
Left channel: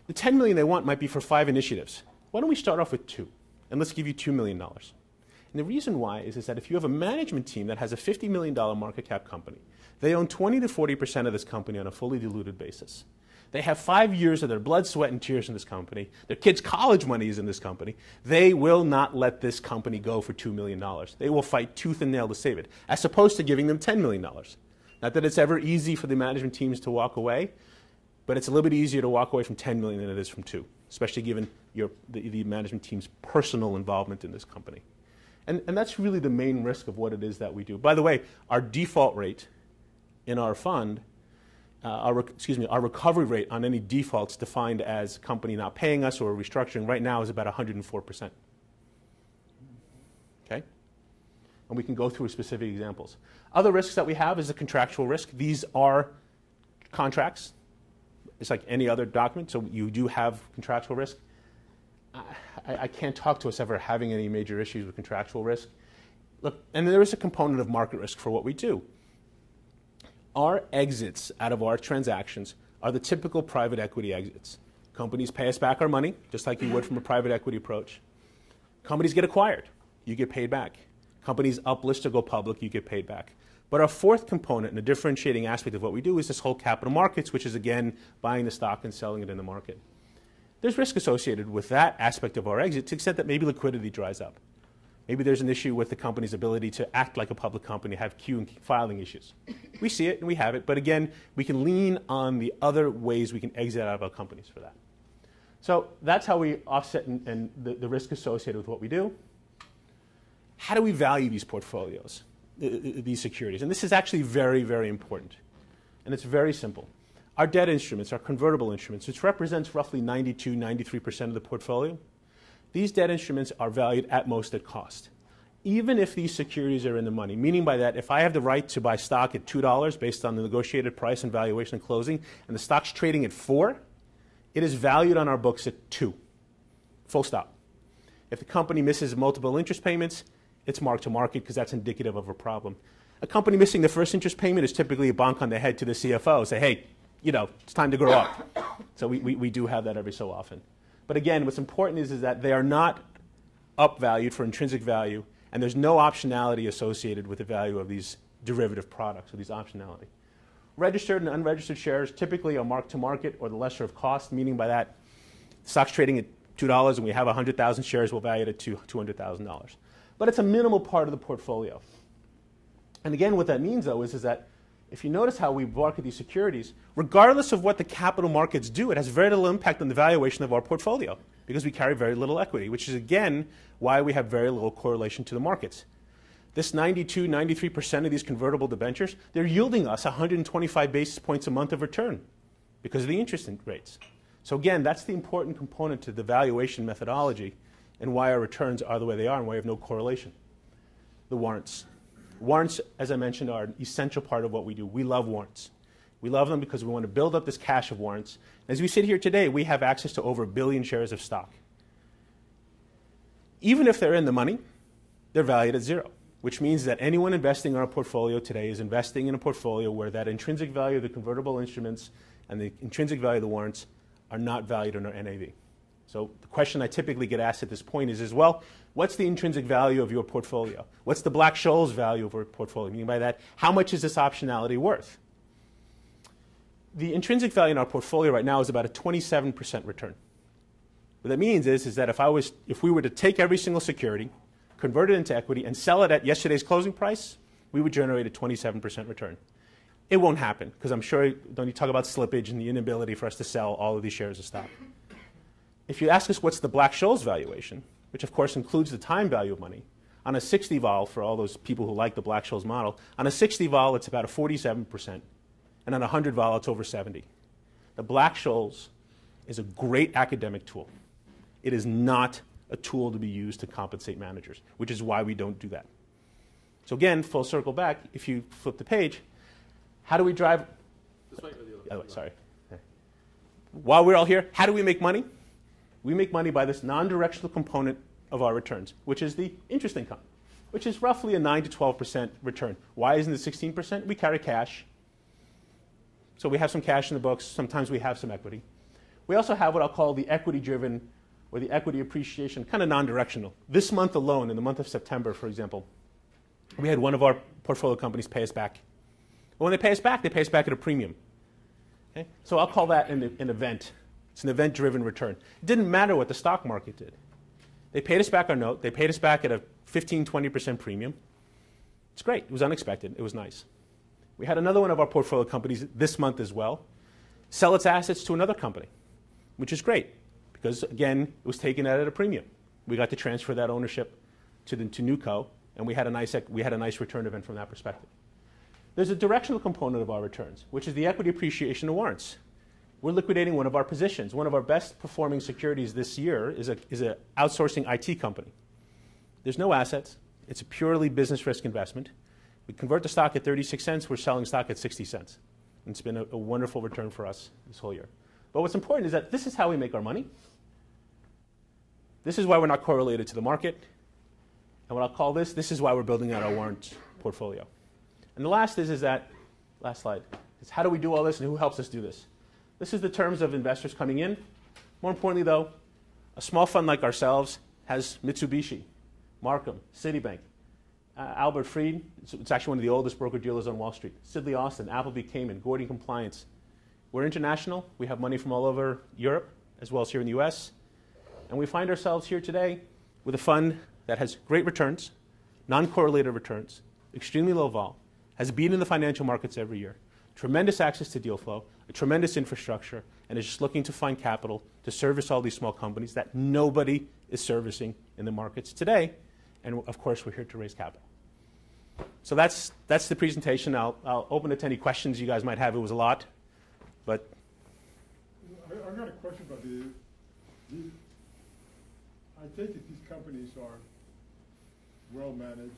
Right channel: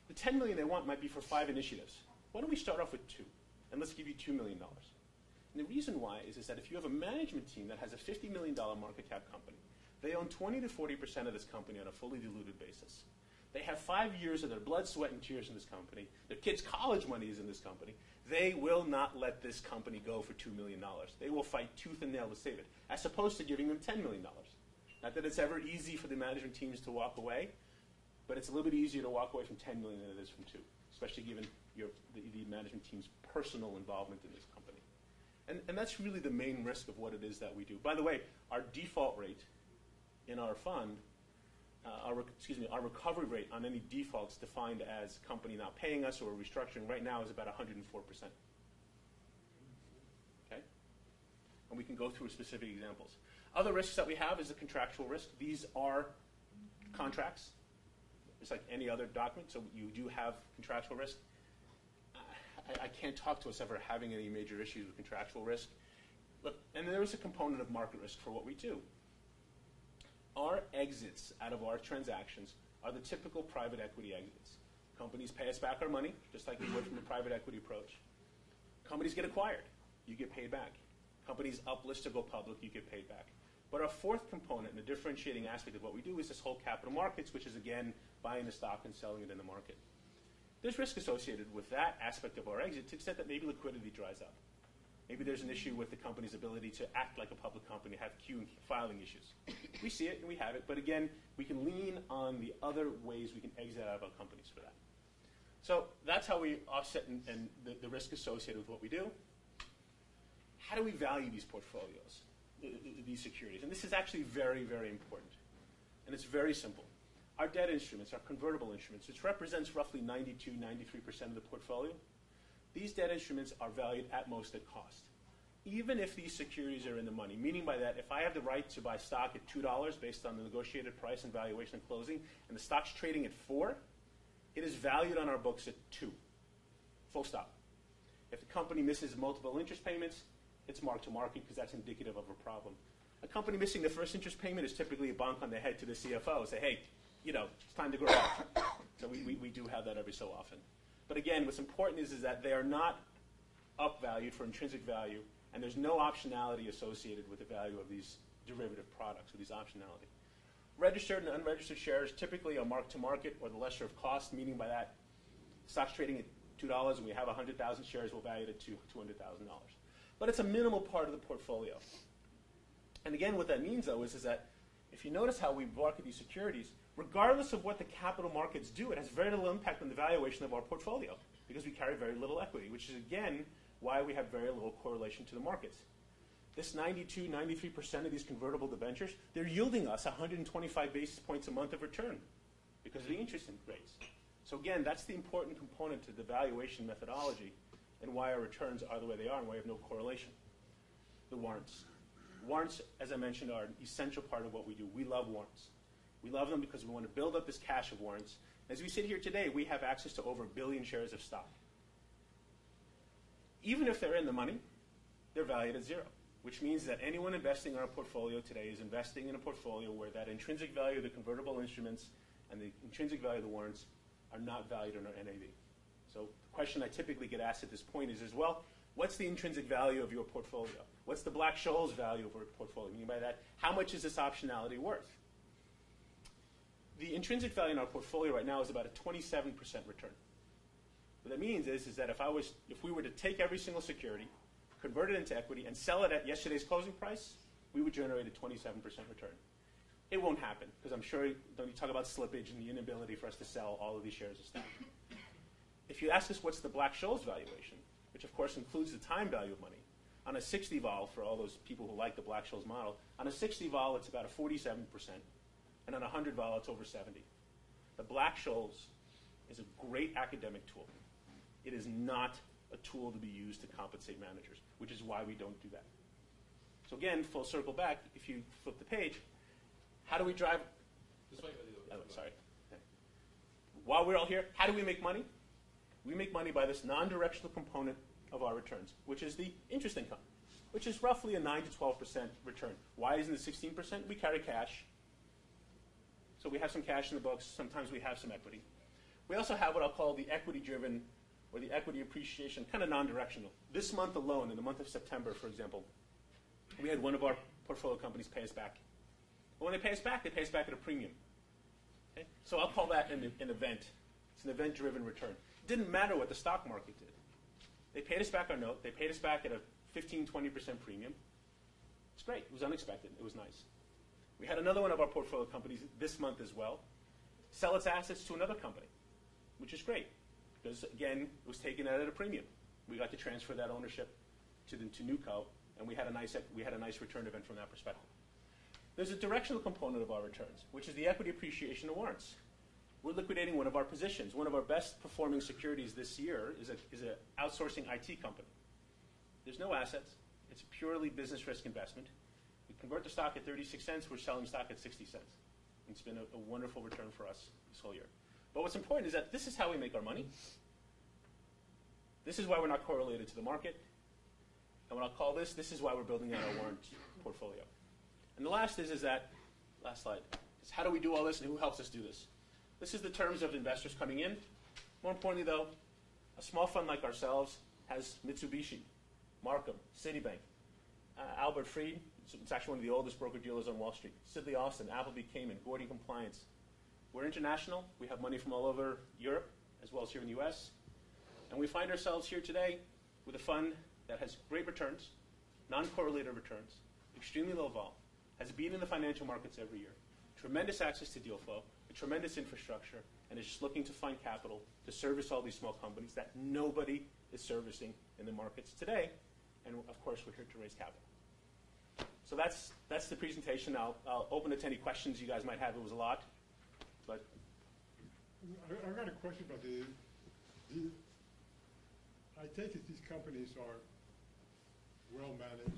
the $10 million they want might be for 5 initiatives. Why don't we start off with 2? And let's give you $2 million. And the reason why is that if you have a management team that has a $50 million market cap company, they own 20 to 40% of this company on a fully diluted basis. They have 5 years of their blood, sweat, and tears in this company. Their kids' college money is in this company. They will not let this company go for $2 million. They will fight tooth and nail to save it, as opposed to giving them $10 million. Not that it's ever easy for the management teams to walk away, but it's a little bit easier to walk away from $10 million than it is from 2, especially given the management team's personal involvement in this company. And that's really the main risk of what it is that we do. By the way, our default rate in our fund, our recovery rate on any defaults defined as a company not paying us or restructuring right now is about 104%. Okay? And we can go through specific examples. Other risks that we have is the contractual risk. These are contracts. It's like any other document, so you do have contractual risk. I can't talk to us ever having any major issues with contractual risk. Look, and there is a component of market risk for what we do. Our exits out of our transactions are the typical private equity exits. Companies pay us back our money, just like you would from a private equity approach. Companies get acquired. You get paid back. Companies uplist or go public, you get paid back. But our fourth component and a differentiating aspect of what we do is this whole capital markets, which is, again, buying the stock and selling it in the market. There's risk associated with that aspect of our exit to the extent that maybe liquidity dries up. Maybe there's an issue with the company's ability to act like a public company, have Q and filing issues. We see it and we have it, but again, we can lean on the other ways we can exit out of our companies for that. So that's how we offset and the risk associated with what we do. How do we value these portfolios, these securities? And this is actually very, very important. And it's very simple. Our debt instruments, our convertible instruments, which represents roughly 92, 93% of the portfolio, these debt instruments are valued at most at cost. Even if these securities are in the money, meaning by that, if I have the right to buy stock at $2 based on the negotiated price and valuation and closing, and the stock's trading at $4, it is valued on our books at $2, full stop. If the company misses multiple interest payments, it's marked to market because that's indicative of a problem. A company missing the first interest payment is typically a bonk on the head to the CFO, say, hey, you know, it's time to grow up. So we do have that every so often. But again, what's important is that they are not upvalued for intrinsic value, and there's no optionality associated with the value of these derivative products or these optionality. Registered and unregistered shares typically are marked to market or the lesser of cost, meaning by that stock's trading at $2 and we have 100,000 shares, we'll value it at $200,000. But it's a minimal part of the portfolio. And again, what that means, though, is that if you notice how we market these securities, regardless of what the capital markets do, it has very little impact on the valuation of our portfolio because we carry very little equity, which is, again, why we have very little correlation to the markets. This 92, 93% of these convertible debentures, they're yielding us 125 basis points a month of return because of the interest rates. So again, that's the important component to the valuation methodology and why our returns are the way they are and why we have no correlation. The warrants. Warrants, as I mentioned, are an essential part of what we do. We love warrants. We love them because we want to build up this cache of warrants. As we sit here today, we have access to over 1 billion shares of stock. Even if they're in the money, they're valued at zero, which means that anyone investing in our portfolio today is investing in a portfolio where that intrinsic value of the convertible instruments and the intrinsic value of the warrants are not valued in our NAV. So the question I typically get asked at this point is well, what's the intrinsic value of your portfolio? What's the Black-Scholes value of your portfolio? Meaning by that, how much is this optionality worth? The intrinsic value in our portfolio right now is about a 27% return. What that means is that if we were to take every single security, convert it into equity, and sell it at yesterday's closing price, we would generate a 27% return. It won't happen, because I'm sure when you talk about slippage and the inability for us to sell all of these shares of stock. If you ask us what's the Black-Scholes valuation, which of course includes the time value of money, on a 60 vol, for all those people who like the Black-Scholes model, on a 60 vol it's about a 47%, and on a 100 vol it's over 70. The Black-Scholes is a great academic tool. It is not a tool to be used to compensate managers, which is why we don't do that. So again, full circle back, if you flip the page, how do we drive? Sorry. Okay. While we're all here, how do we make money? We make money by this non-directional component of our returns, which is the interest income, which is roughly a 9 to 12% return. Why isn't it 16%? We carry cash. So we have some cash in the books. Sometimes we have some equity. We also have what I'll call the equity-driven or the equity appreciation, kind of non-directional. This month alone, in the month of September, for example, we had one of our portfolio companies pay us back. But when they pay us back at a premium. Okay? So I'll call that an event. It's an event-driven return. It didn't matter what the stock market did. They paid us back our note. They paid us back at a 15, 20% premium. It's great. It was unexpected. It was nice. We had another one of our portfolio companies this month as well sell its assets to another company, which is great because, again, it was taken out at a premium. We got to transfer that ownership to NewCo, and we had a nice return event from that perspective. There's a directional component of our returns, which is the equity appreciation of warrants. We're liquidating one of our positions. One of our best performing securities this year is an outsourcing IT company. There's no assets. It's a purely business risk investment. We convert the stock at 36 cents. We're selling stock at 60 cents. And it's been a wonderful return for us this whole year. But what's important is that this is how we make our money. This is why we're not correlated to the market. And what I'll call this is why we're building out our warrant portfolio. And the last is that, last slide, is how do we do all this and who helps us do this? This is the terms of investors coming in. More importantly, though, a small fund like ourselves has Mitsubishi, Markham, Citibank, Albert Fried. It's actually one of the oldest broker-dealers on Wall Street. Sidley Austin, Appleby Cayman, Gordy Compliance. We're international. We have money from all over Europe, as well as here in the US. And we find ourselves here today with a fund that has great returns, non-correlated returns, extremely low vol, has been in the financial markets every year, tremendous access to deal flow, a tremendous infrastructure, and is just looking to find capital to service all these small companies that nobody is servicing in the markets today. And of course, we're here to raise capital. So that's the presentation. I'll open it to any questions you guys might have. It was a lot, but I've got a question about I take it these companies are well managed.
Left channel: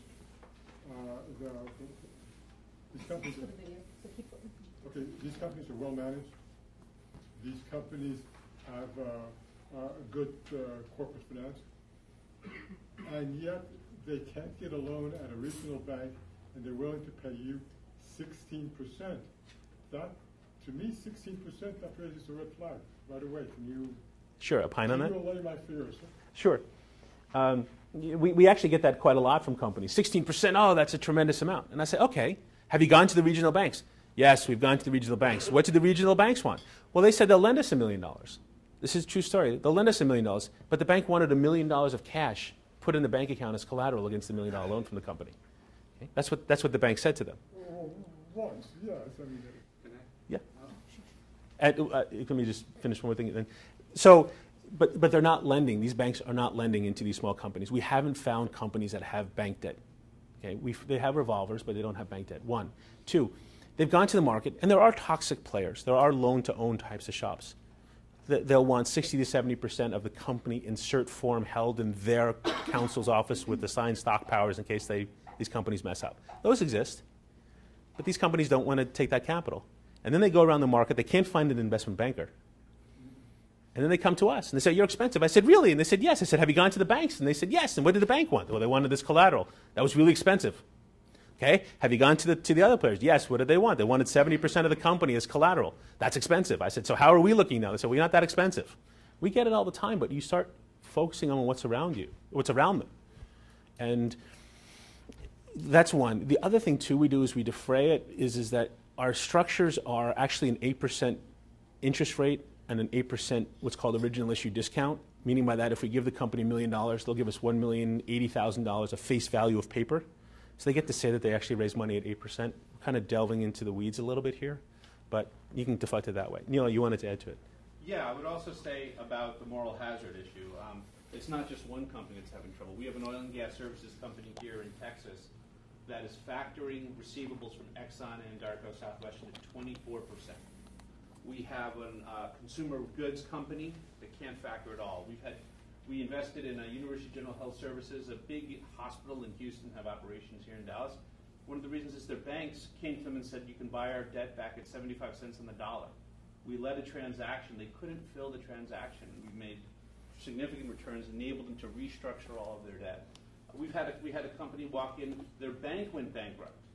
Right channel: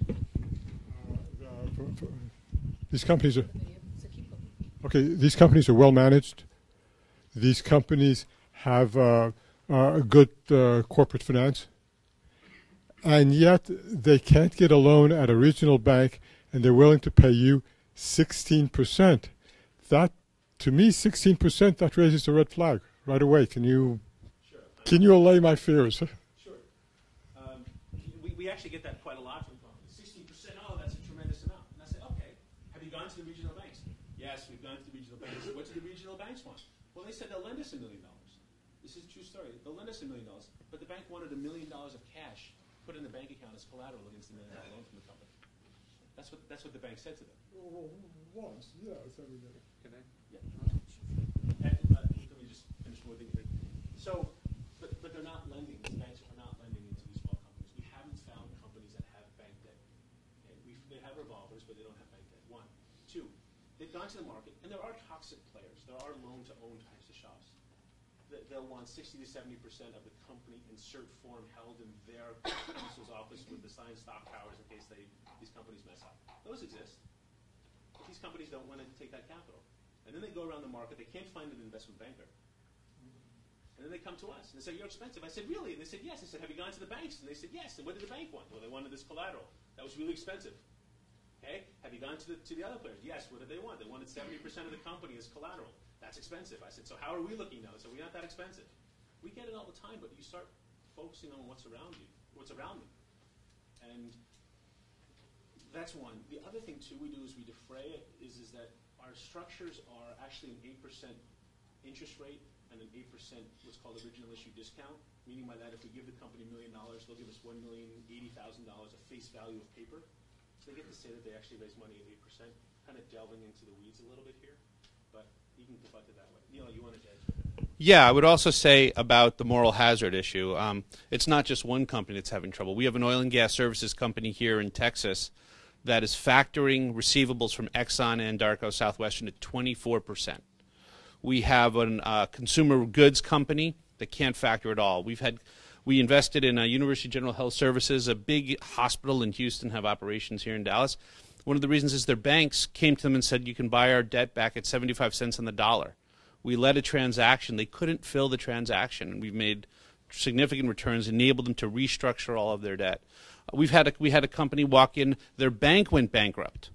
These companies are okay. These companies are well managed. These companies have a good corporate finance, and yet they can't get a loan at a regional bank, and they're willing to pay you 16%. That, to me, 16%, that raises a red flag right away. Can you? Sure. Can you allay my fears? Sure. We actually get that quite a lot from companies. 16%, oh, that's a tremendous amount. And I say, okay, have you gone to the regional banks? Yes, we've gone to the regional banks. What do the regional banks want? Well, they said they'll lend us $1 million. This is a true story. They'll lend us $1 million, but the bank wanted $1 million of cash put in the bank account as collateral against the $1 million loan from the company. Okay? That's what the bank said to them. Once, yes. I mean, yeah. Let me just finish one more thing. Then. So, but they're not lending. These banks are not lending into these small companies. We haven't found companies that have bank debt. Okay, they have revolvers, but they don't have bank debt. One. Two, they've gone to the market, and there are toxic players. There are loan-to-own types of shops. They'll want 60 to 70% of the company insert form held in their counsel's office with assigned stock powers in case these companies mess up. Those exist, but these companies don't want to take that capital. And then they go around the market. They can't find an investment banker. And then they come to us, and they say, you're expensive. I said, really? And they said, yes. I said, have you gone to the banks? And they said, yes. And what did the bank want? Well, they wanted this collateral. That was really expensive. Okay, have you gone to the other players? Yes, what did they want? They wanted 70% of the company as collateral. That's expensive. I said, so how are we looking now? They said, well, you're not that expensive. We get it all the time, but you start focusing on what's around you, what's around them. And that's one. The other thing, too, we do is we defray it, is that our structures are actually an 8% interest rate and an 8% what's called original issue discount, meaning by that if we give the company $1 million, they'll give us $1,080,000 of face value of paper. So they get to say that they actually raise money at 8%. Kind of delving into the weeds a little bit here, but you can deflect it that way. Neil, you wanted to add to it? Yeah, I would also say about the moral hazard issue. It's not just one company that's having trouble. We have an oil and gas services company here in Texas that is factoring receivables from Exxon, Anadarko, Southwestern at 24%. We have a consumer goods company that can't factor at all. We invested in University General Health Services, a big hospital in Houston, have operations here in Dallas. One of the reasons is their banks came to them and said, you can buy our debt back at 75 cents on the dollar. We led a transaction. They couldn't fill the transaction, and we've made significant returns, enabled them to restructure all of their debt. We had a company walk in, their bank went bankrupt.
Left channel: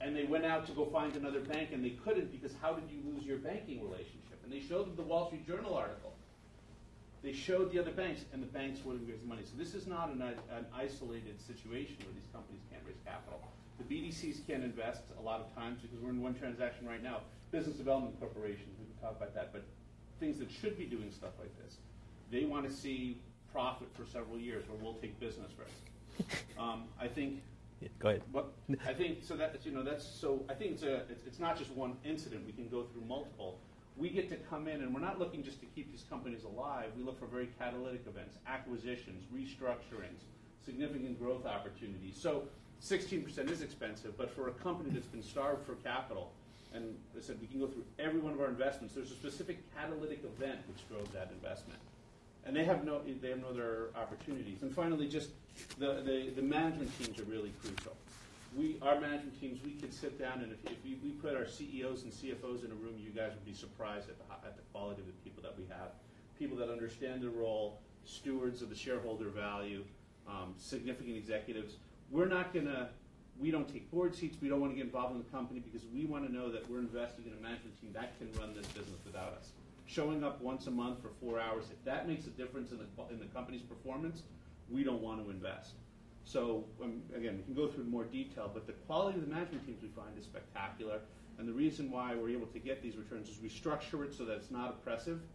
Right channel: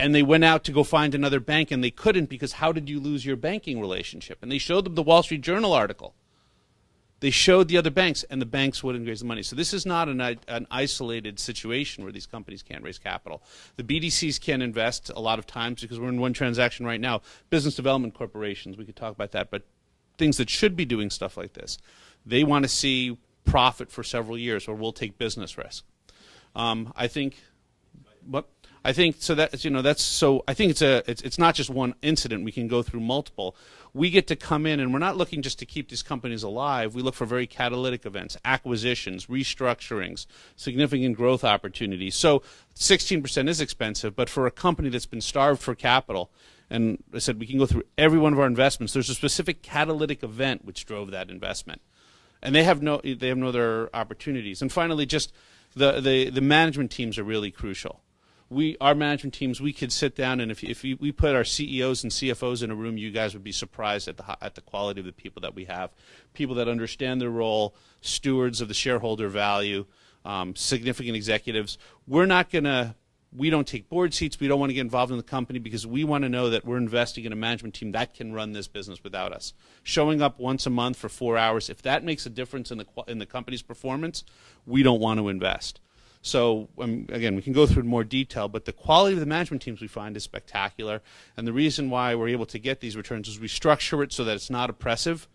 And they went out to go find another bank, and they couldn't because how did you lose your banking relationship? And they showed them the Wall Street Journal article. They showed the other banks, and the banks wouldn't raise the money. So this is not an isolated situation where these companies can't raise capital. The BDCs can't invest a lot of times because we're in one transaction right now. Business development corporations, we could talk about that, but things that should be doing stuff like this, they want to see profit for several years, or we'll take business risk. I think. Go ahead. But I think so that I think it's not just one incident. We can go through multiple. We get to come in, and we're not looking just to keep these companies alive. We look for very catalytic events, acquisitions, restructurings, significant growth opportunities. So 16% is expensive, but for a company that's been starved for capital, and I said we can go through every one of our investments, there's a specific catalytic event which drove that investment. And they have no other opportunities. And finally, just the management teams are really crucial. Our management teams, we could sit down, and if we put our CEOs and CFOs in a room, you guys would be surprised at the quality of the people that we have. People that understand their role, stewards of the shareholder value, significant executives. We don't take board seats. We don't want to get involved in the company because we want to know that we're investing in a management team that can run this business without us. Showing up once a month for 4 hours, if that makes a difference in the company's performance, we don't want to invest. So, again, we can go through more detail, but the quality of the management teams we find is spectacular. And the reason why we're able to get these returns is we structure it so that it's not oppressive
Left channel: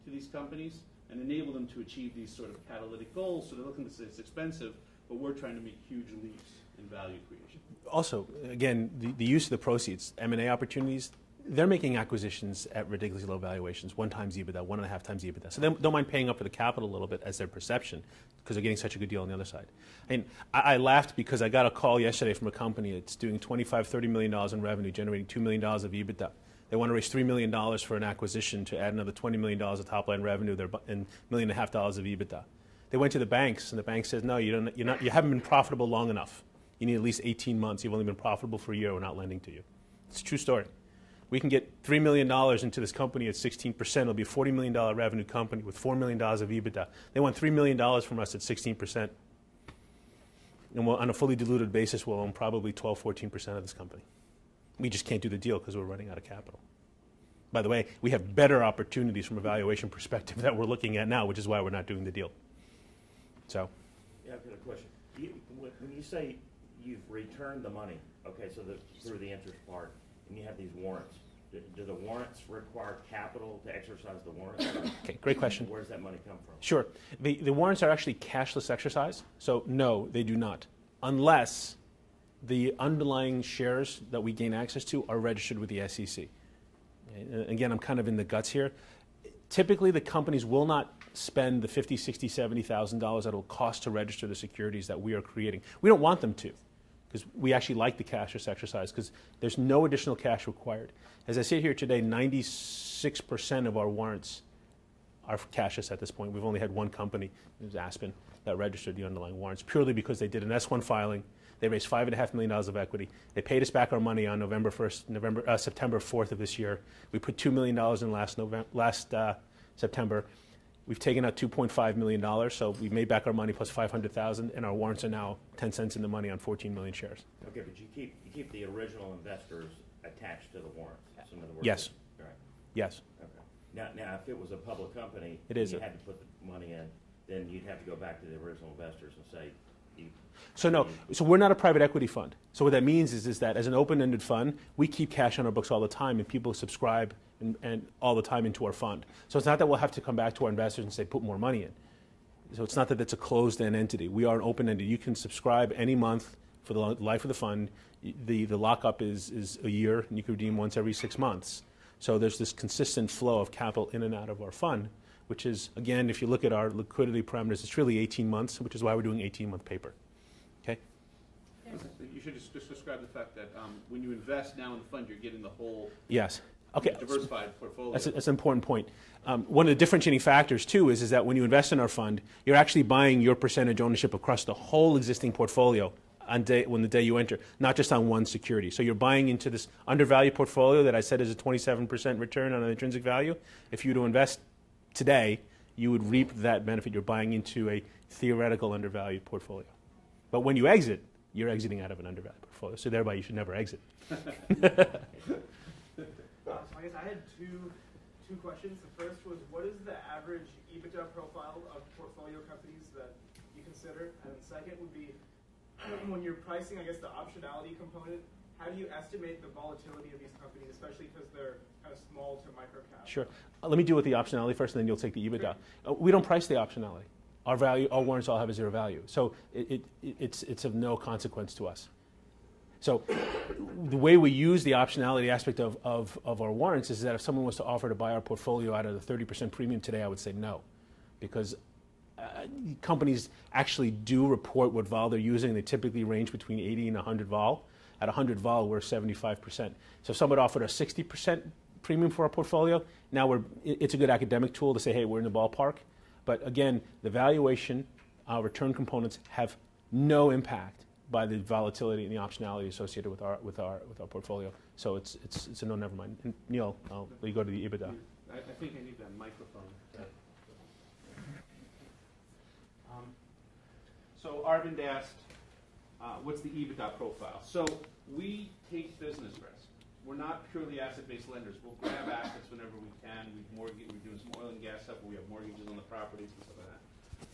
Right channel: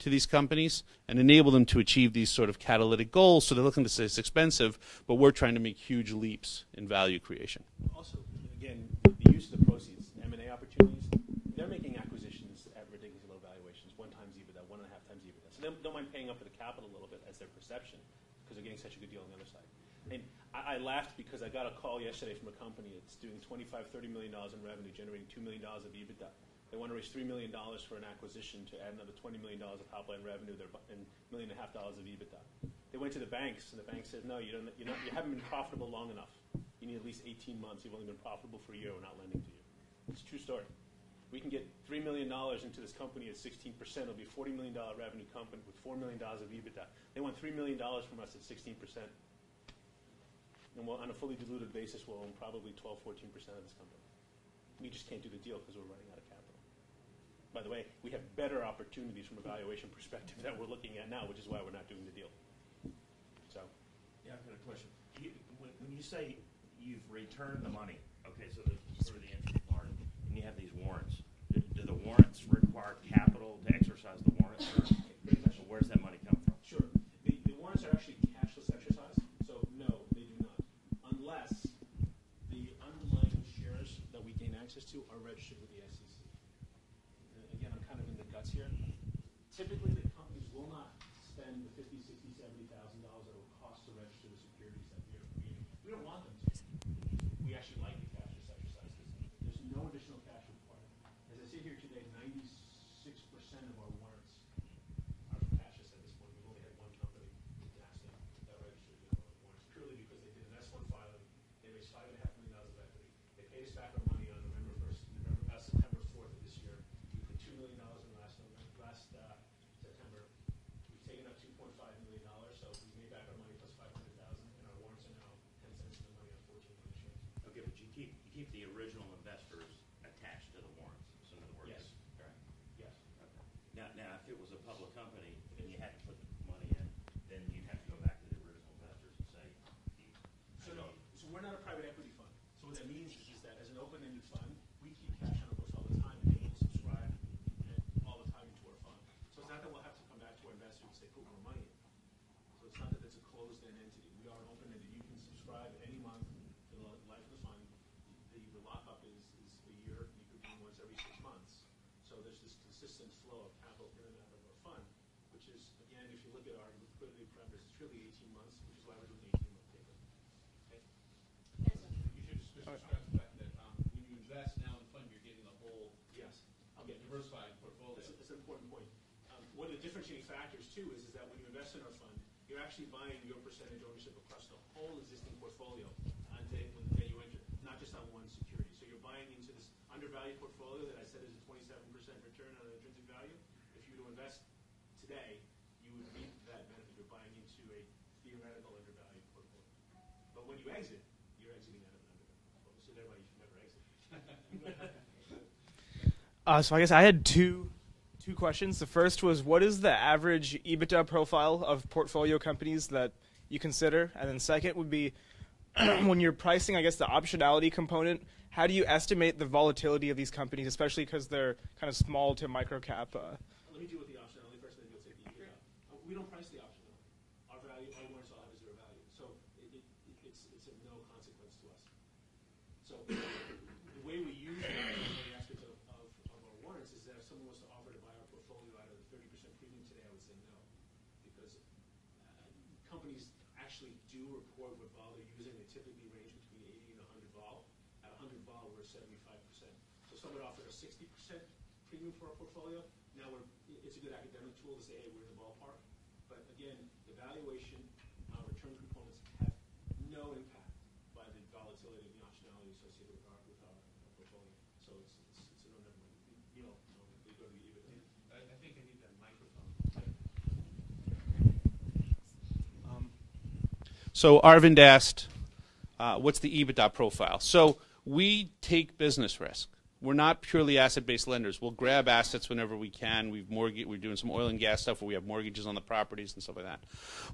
to these companies and enable them to achieve these sort of catalytic goals. So they're looking to say it's expensive, but we're trying to make huge leaps in value creation. Also, again, the use of the proceeds, M&A opportunities, they're making acquisitions at ridiculously low valuations, 1 times EBITDA, 1.5 times EBITDA. So they don't mind paying up for the capital a little bit as their perception because they're getting such a good deal on the other side. And I laughed because I got a call yesterday from a company that's doing $25, $30 million in revenue, generating $2 million of EBITDA. They want to raise $3 million for an acquisition to add another $20 million of top-line revenue and $1.5 million of EBITDA. They went to the banks, and the bank says, no, you haven't been profitable long enough. You need at least 18 months. You've only been profitable for a year. We're not lending to you. It's a true story. We can get $3 million into this company at 16%. It'll be a $40 million revenue company with $4 million of EBITDA. They want $3 million from us at 16%. And on a fully diluted basis, we'll own probably 12, 14% of this company. We just can't do the deal because we're running out of capital. By the way, we have better opportunities from a valuation perspective that we're looking at now, which is why we're not doing the deal. So, yeah, I've got a question. When you say you've returned the money, okay, so through the interest part, and you have these warrants, do the warrants require capital to exercise the warrants? Okay, great question. Where does that money come from? Sure. The warrants are actually cashless exercise, so no, they do not, unless the underlying shares that we gain access to are registered with the SEC. Again, I'm kind of in the guts here. Typically, the companies will not spend the $50,000, $60,000, $70,000 that it'll cost to register the securities that we are creating. We don't want them to, because we actually like the cashless exercise, because there's no additional cash required. As I sit here today, 96% of our warrants are cashless at this point. We've only had one company, it was Aspen, that registered the underlying warrants, purely because they did an S1 filing. They raised $5.5 million of equity. They paid us back our money on September 4th of this year. We put $2 million in last September. We've taken out $2.5 million, so we made back our money plus $500,000, and our warrants are now 10 cents in the money on 14 million shares. Okay, but you keep the original investors attached to the warrants. In other words, yes. Right. Yes. Okay. Now, if it was a public company, it is you had to put the money in, then you'd have to go back to the original investors and say. So no, so we're not a private equity fund. So what that means is that as an open-ended fund, we keep cash on our books all the time, and people subscribe and all the time into our fund. So it's not that we'll have to come back to our investors and say, put more money in. So it's not that it's a closed-end entity. We are an open-ended. You can subscribe any month for the life of the fund. The lockup is a year, and you can redeem once every 6 months. So there's this consistent flow of capital in and out of our fund, which is, again, if you look at our liquidity parameters, it's really 18 months, which is why we're doing 18-month paper. Okay? You should just describe the fact that when you invest now in the fund, you're getting the whole yes. Okay. diversified portfolio. That's an important point. One of the differentiating factors, too, is that when you invest in our fund, you're actually buying your percentage ownership across the whole existing portfolio on the day you enter, not just on one security. So you're buying into this undervalued portfolio that I said is a 27% return on an intrinsic value. If you were to invest today, you would reap that benefit. You're buying into a theoretical undervalued portfolio. But when you exit, you're exiting out of an undervalued portfolio. So thereby, you should never exit. So I guess I had two questions. The first was, what is the average EBITDA profile of portfolio companies that you consider? And then second would be, when you're pricing, I guess, the optionality component, how do you estimate the volatility of these companies, especially because they're kind of small to micro cap? Sure. Let me deal with the optionality first, and then you'll take the EBITDA. We don't price the optionality. Our warrants all have a zero value. So it's of no consequence to us. So the way we use the optionality aspect of our warrants is that if someone was to offer to buy our portfolio out of the 30% premium today, I would say no. Because companies actually do report what vol they're using. They typically range between 80 and 100 vol. At 100 vol, we're 75%. So if someone offered a 60% premium for our portfolio, now it's a good academic tool to say, hey, we're in the ballpark. But again, the valuation, return components have no impact by the volatility and the optionality associated with our portfolio. So it's a no, never mind. And Neil, I'll let you go to the EBITDA. I think I need that microphone. So Arvind asked, what's the EBITDA profile? So we take business risk. We're not purely asset-based lenders. We'll grab assets whenever we can. We're doing some oil and gas stuff where we have mortgages on the properties and stuff like that.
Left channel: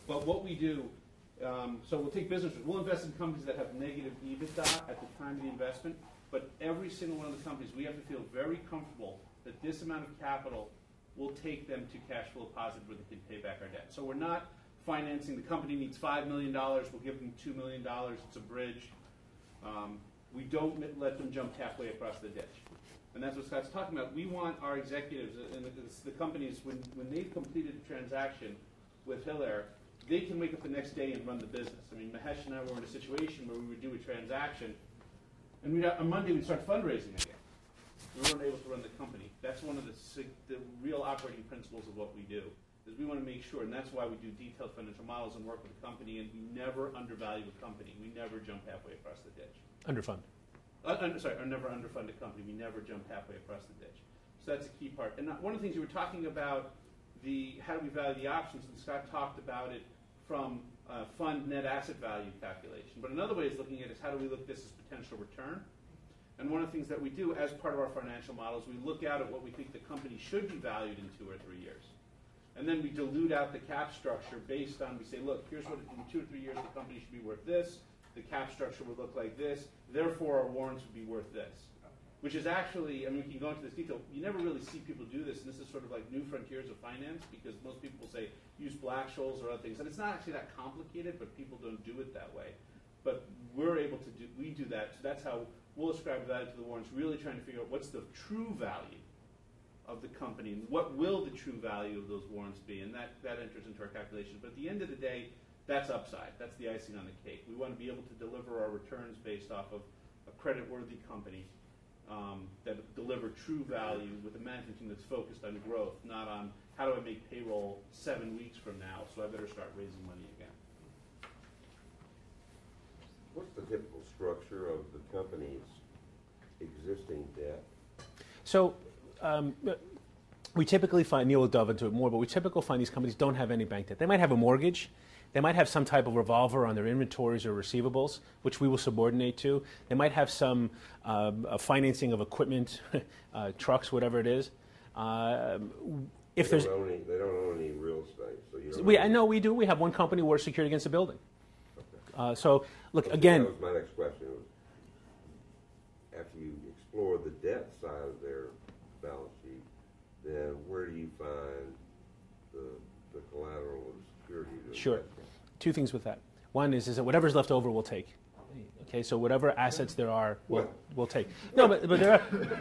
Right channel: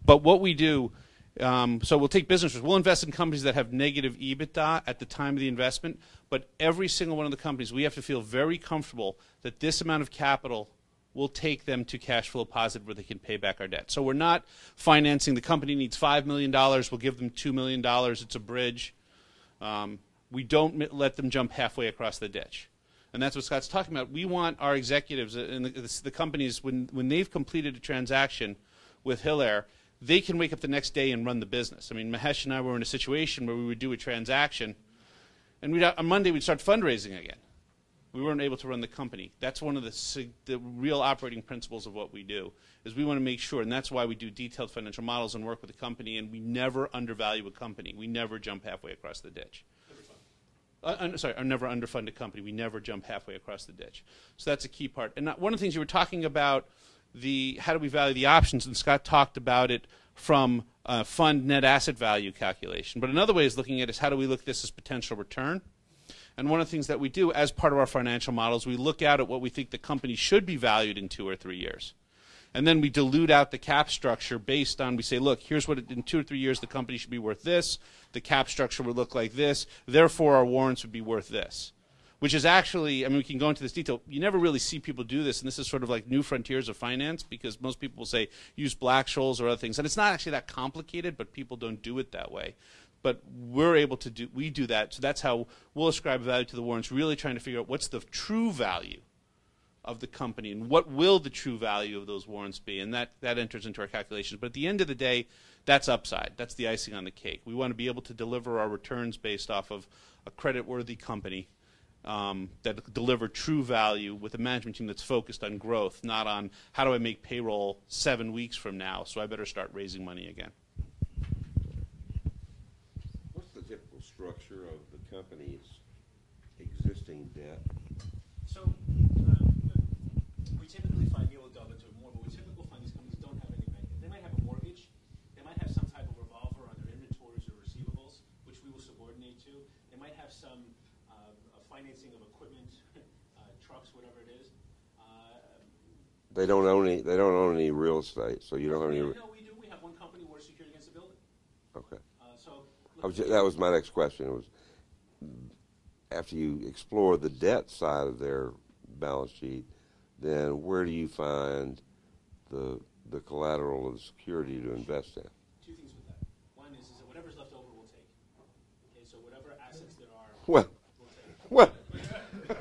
But what we do, so we'll take business risk. We'll invest in companies that have negative EBITDA at the time of the investment, but every single one of the companies, we have to feel very comfortable that this amount of capital we'll take them to cash flow positive where they can pay back our debt. So we're not financing. The company needs $5 million. We'll give them $2 million. It's a bridge. We don't let them jump halfway across the ditch. And that's what Scott's talking about. We want our executives and the companies, when they've completed a transaction with Hillair, they can wake up the next day and run the business. I mean, Mahesh and I were in a situation where we would do a transaction, and on Monday we'd start fundraising again. We weren't able to run the company. That's one of the real operating principles of what we do, is we want to make sure, and that's why we do detailed financial models and work with the company, and we never undervalue a company. We never jump halfway across the ditch. Underfund. Or never underfund a company. We never jump halfway across the ditch. So that's a key part. And one of the things you were talking about, how do we value the options, and Scott talked about it from fund net asset value calculation. But another way is looking at is how do we look at this as potential return? And one of the things that we do as part of our financial models, we look out at what we think the company should be valued in 2 or 3 years. And then we dilute out the cap structure based on, we say, look, here's what in 2 or 3 years the company should be worth this. The cap structure would look like this. Therefore, our warrants would be worth this. Which is actually, I mean, we can go into this detail. You never really see people do this, and this is sort of like new frontiers of finance, because most people will say use Black-Scholes or other things. And it's not actually that complicated, but people don't do it that way. But we're able to do, we do that. So that's how we'll ascribe value to the warrants, really trying to figure out what's the true value of the company and what will the true value of those warrants be. And that enters into our calculations. But at the end of the day, that's upside. That's the icing on the cake. We want to be able to deliver our returns based off of a credit-worthy company that deliver true value with a management team that's focused on growth, not on how do I make payroll 7 weeks from now, so I better start raising money again. What's the typical structure of the company's existing debt? So we typically find, Neil will delve into it more, but we typically find these companies don't have any bank debt. They might have a mortgage. They might have some type of revolver on their inventories or receivables, which we will subordinate to. They might have some financing of equipment, trucks, whatever it is. They don't own any real estate, so you don't. I know we do. We have one company we're secured against a building. Okay. So look again. That was my next question. It was after you explore the debt side of their balance sheet, then where do you find the collateral or the security to invest in? 2 things with that. One is that whatever's left over we'll take. Okay, so whatever assets there are, we'll take. Well. No, but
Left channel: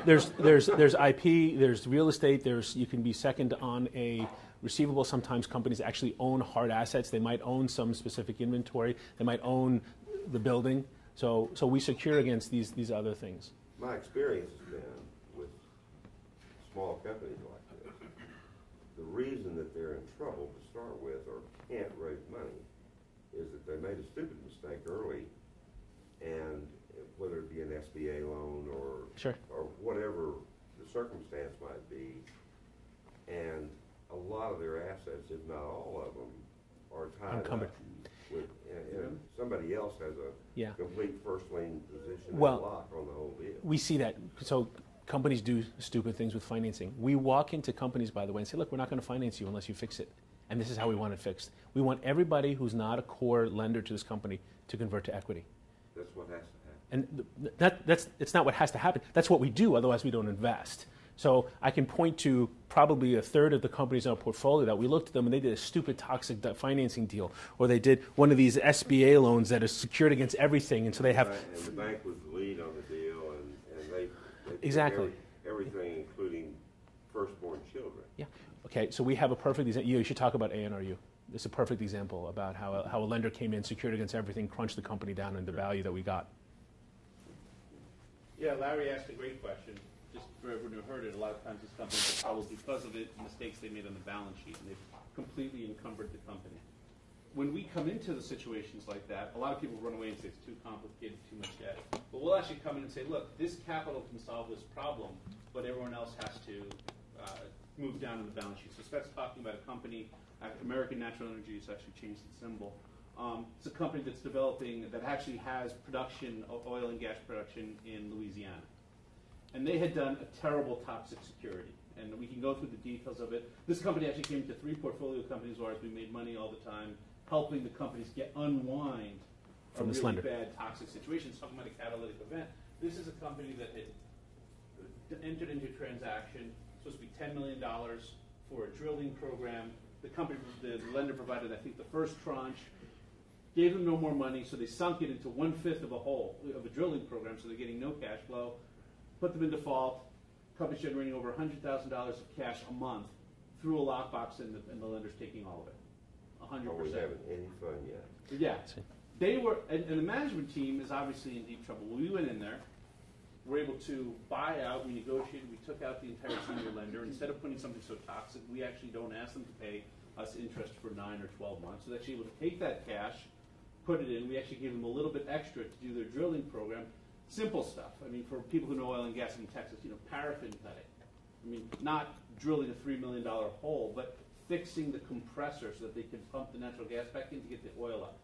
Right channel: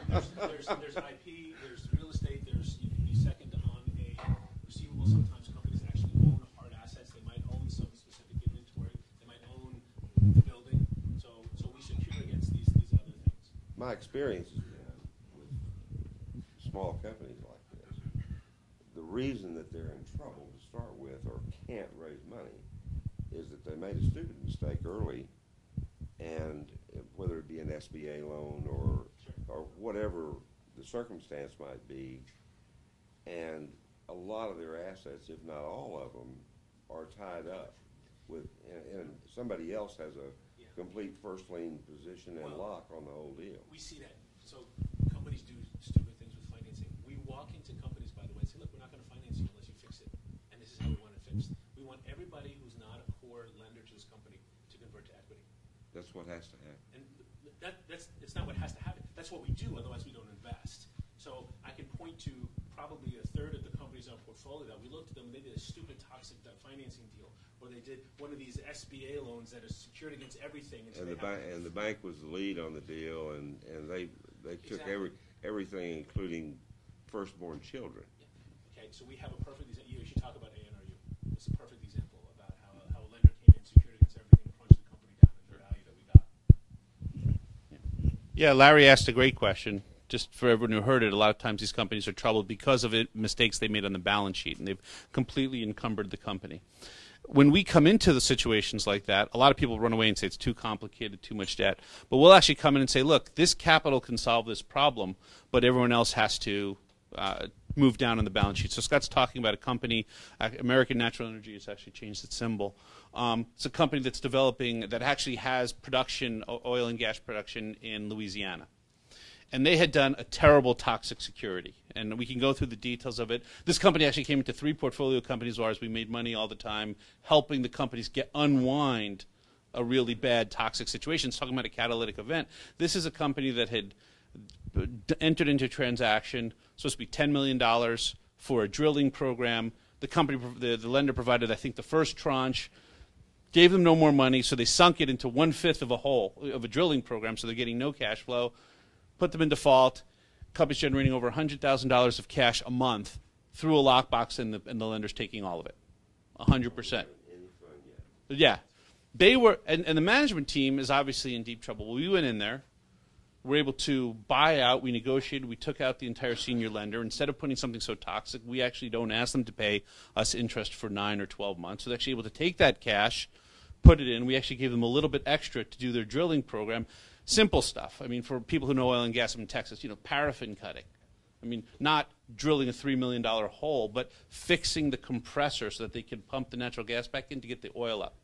there's IP, there's real estate, you can be second on a receivable. Sometimes companies actually own hard assets. They might own some specific inventory. They might own the building. So we secure against these other things. My experience has been with smaller companies like this, the reason that they're in trouble to start with or can't raise money is that they made a stupid mistake early, and whether it be an SBA loan or whatever the circumstance might be, and a lot of their assets, if not all of them, are tied up with, and somebody else has a complete first lien position and lock on the whole deal. We see that. So companies do stupid things with financing. We walk into companies, by the way, and say, look, we're not going to finance you unless you fix it. And this is how we want it fixed. We want everybody who's not a core lender to this company to convert to equity. That's what has to happen. And it's not what has to happen. That's what we do, otherwise we don't invest. So I can point to probably a third of the companies in our portfolio that we looked at them and they did a stupid toxic financing deal, or they did one of these SBA loans that is secured against everything, and so they have. And the bank was the lead on the deal, and they exactly everything, including firstborn children. Yeah. Okay. So we have a perfect example. You should talk about ANRU. It's a perfect example about how a lender came in, secured against everything, crunched the company down into the value that we got. Yeah, Larry asked a great question. Just for everyone who heard it, a lot of times these companies are troubled because of mistakes they made on the balance sheet, and they've completely encumbered the company. When we come into the situations like that, a lot of people run away and say it's too complicated, too much debt. But we'll actually come in and say, look, this capital can solve this problem, but everyone else has to move down on the balance sheet. So Scott's talking about a company, American Natural Energy has actually changed its symbol. It's a company that's developing, that actually has production, oil and gas production in Louisiana. And they had done a terrible toxic security. And we can go through the details of it. This company actually came into 3 portfolio companies of ours. We made money all the time, helping the companies unwind a really bad toxic situation. It's talking about a catalytic event. This is a company that had entered into a transaction, supposed to be $10 million, for a drilling program. The lender provided, I think, the first tranche, gave them no more money, so they sunk it into 1/5 of a hole of a drilling program, so they're getting no cash flow, put them in default. Company's generating over $100,000 of cash a month through a lockbox, and the lender's taking all of it, 100%. Haven't any fun yet. Yeah, they were, and the management team is obviously in deep trouble. We went in there. We're able to buy out. We negotiated. We took out the entire senior lender. Instead of putting something so toxic, we actually don't ask them to pay us interest for 9 or 12 months. So they're actually able to take that cash, put it in. We actually gave them a little bit extra to do their drilling program. Simple stuff. I mean, for people who know oil and gas in Texas, paraffin cutting. I mean, not drilling a $3 million hole, but fixing the compressor so that they can pump the natural gas back in to get the oil up.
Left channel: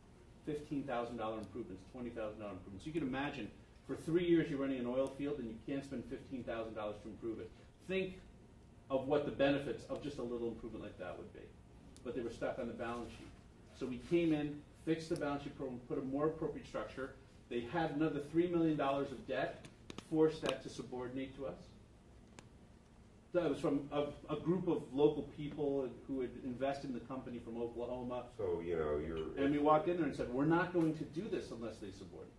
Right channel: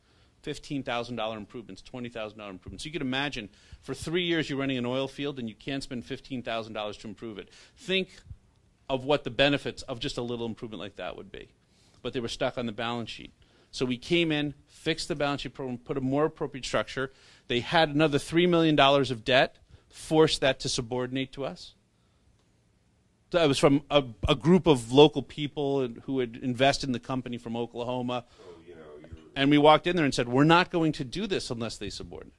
$15,000 improvements, $20,000 improvements. So you can imagine, for 3 years you're running an oil field and you can't spend $15,000 to improve it. Think of what the benefits of just a little improvement like that would be. But they were stuck on the balance sheet. So we came in, fixed the balance sheet program, put a more appropriate structure. They had another $3 million of debt, forced that to subordinate to us. So it was from a group of local people who had invested in the company from Oklahoma. So, and we walked in there and said, we're not going to do this unless they subordinate.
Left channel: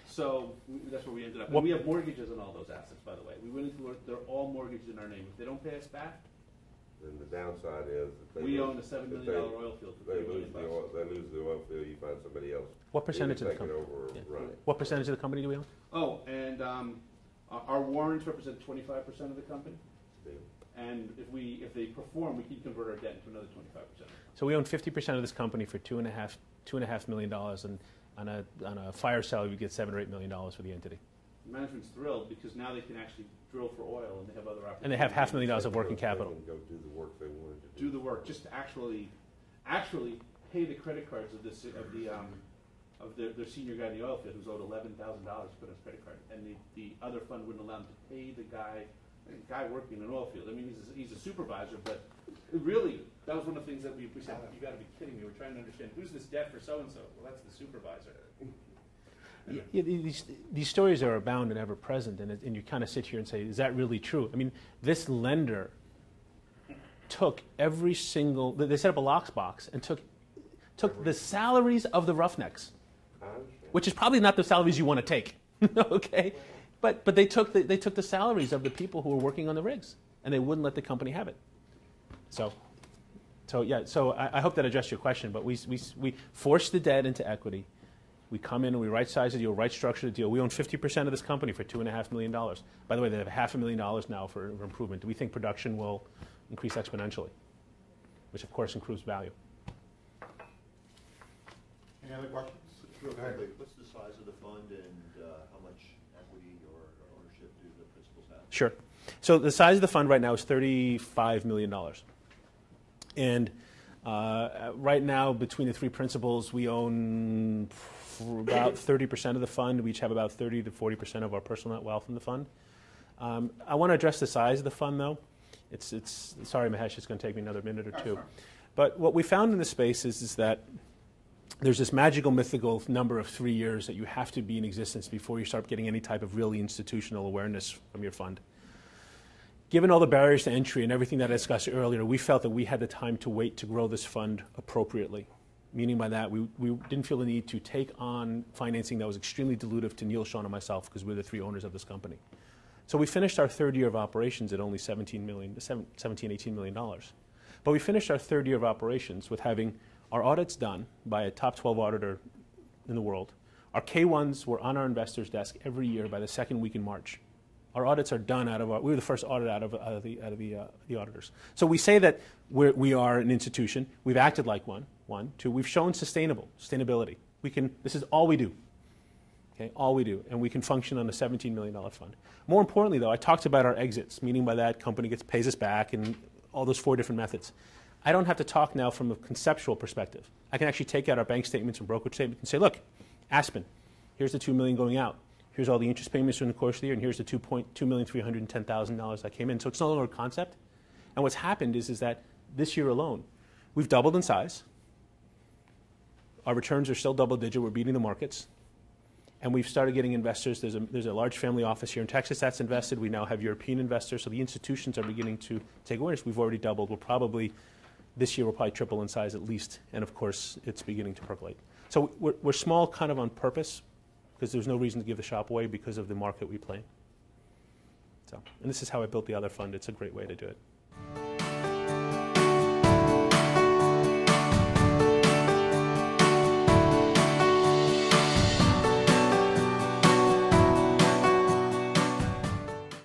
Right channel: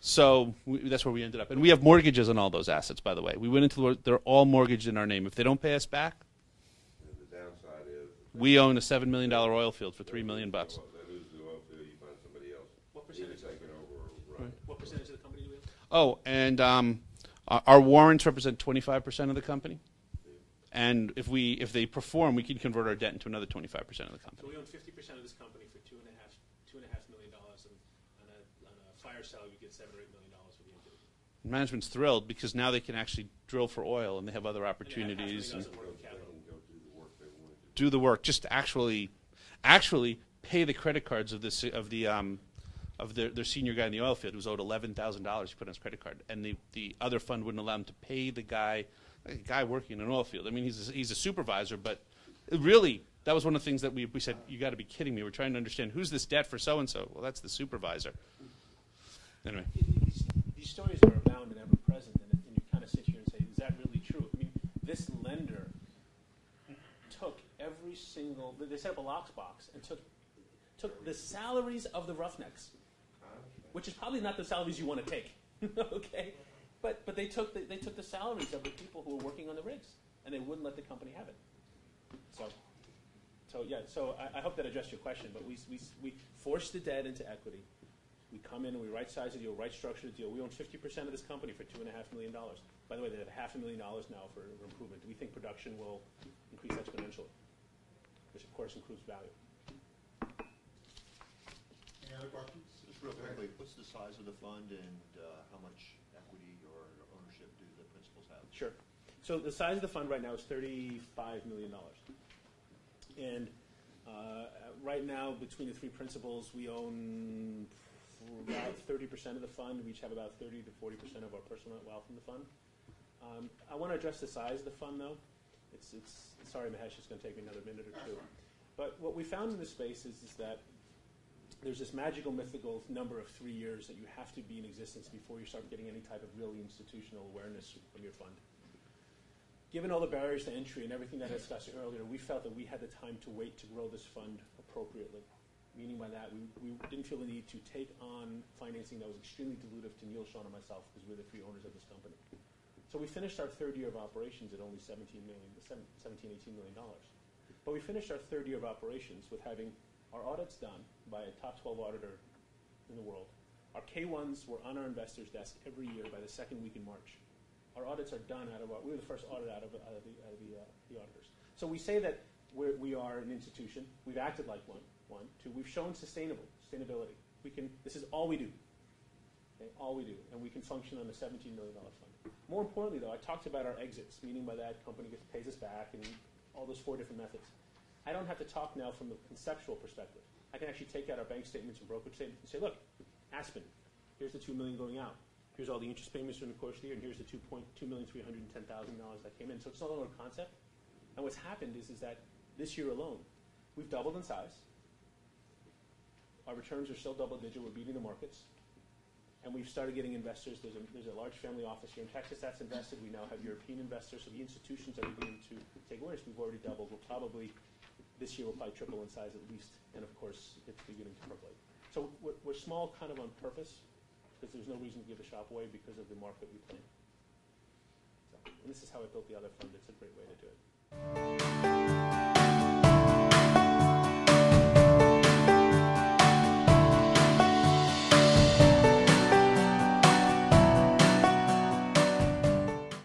So that's where we ended up. And we have mortgages on all those assets, by the way. We went into they're all mortgaged in our name. If they don't pay us back, then the downside is we own a $7 million oil field for $3 million. They lose the oil field, you find somebody else. What percentage of the company? What percentage of the company do we own? Oh, and our warrants represent 25% of the company. And if they perform, we can convert our debt into another 25% of the company. So we own 50% of this company for $2.5 million, and on a fire salary we get $7 or $8 million for the entity. Management's thrilled because now they can actually drill for oil, and they have other opportunities. And they have $500,000 of working capital. They can go do the work they want to do the work, just actually pay the credit cards of their senior guy in the oil field who's owed $11,000 to put on his credit card, and the other fund wouldn't allow him to pay the guy working in an oil field. I mean, he's a supervisor, but really that was one of the things that we said, you got to be kidding me. We're trying to understand who's this debt for so-and-so. Well, that's the supervisor. Anyway. Yeah, these stories are abound and ever present, and you kind of sit here and say, is that really true? I mean, this lender took every single, they set up a lockbox and took the salaries of the roughnecks, which is probably not the salaries you want to take, okay? But they took the salaries of the people who were working on the rigs, and they wouldn't let the company have it. So I hope that addressed your question, but we forced the debt into equity. We come in and we right-size the deal, right-structure the deal. We own 50% of this company for $2.5 million. By the way, they have $500,000 now for improvement. We think production will increase exponentially, which of course improves value. Any other questions? Just real quickly, what's the size of the fund and how much equity or ownership do the principals have? Sure. So the size of the fund right now is $35 million. And right now, between the three principals, we own about 30% of the fund. We each have about 30 to 40% of our personal net wealth in the fund. I want to address the size of the fund, though. Sorry, Mahesh, it's going to take me another minute or two. But what we found in this space is that there's this magical, mythical number of 3 years that you have to be in existence before you start getting any type of really institutional awareness from your fund. Given all the barriers to entry and everything that I discussed earlier, we felt that we had the time to wait to grow this fund appropriately. Meaning by that, we didn't feel the need to take on financing that was extremely dilutive to Neil, Sean, and myself because we're the three owners of this company. So we finished our third year of operations at only $17, $18 million. But we finished our third year of operations with having our audits done by a top 12 auditor in the world. Our K1s were on our investors' desk every year by the second week in March. Our audits are done we were the first audit out of the auditors. So we say that we are an institution. We've acted like one. Two, we've shown sustainability. This is all we do. Okay, all we do. And we can function on a $17 million fund. More importantly, though, I talked about our exits, meaning by that company pays us back and all those 4 different methods. I don't have to talk now from a conceptual perspective. I can actually take out our bank statements and brokerage statements and say, look, Aspen, here's the $2 million going out. Here's all the interest payments during the course of the year, and here's the $2,310,000 that came in. So it's no longer a concept. And what's happened is that this year alone, we've doubled in size. Our returns are still double-digit. We're beating the markets. And we've started getting investors. There's a large family office here in Texas that's invested. We now have European investors. So the institutions are beginning to take awareness. We've already doubled. This year we'll probably triple in size at least. And of course, it's beginning to percolate. So we're small kind of on purpose because there's no reason to give the shop away because of the market we play in. So, and this is how I built the other fund. It's a great way to do it.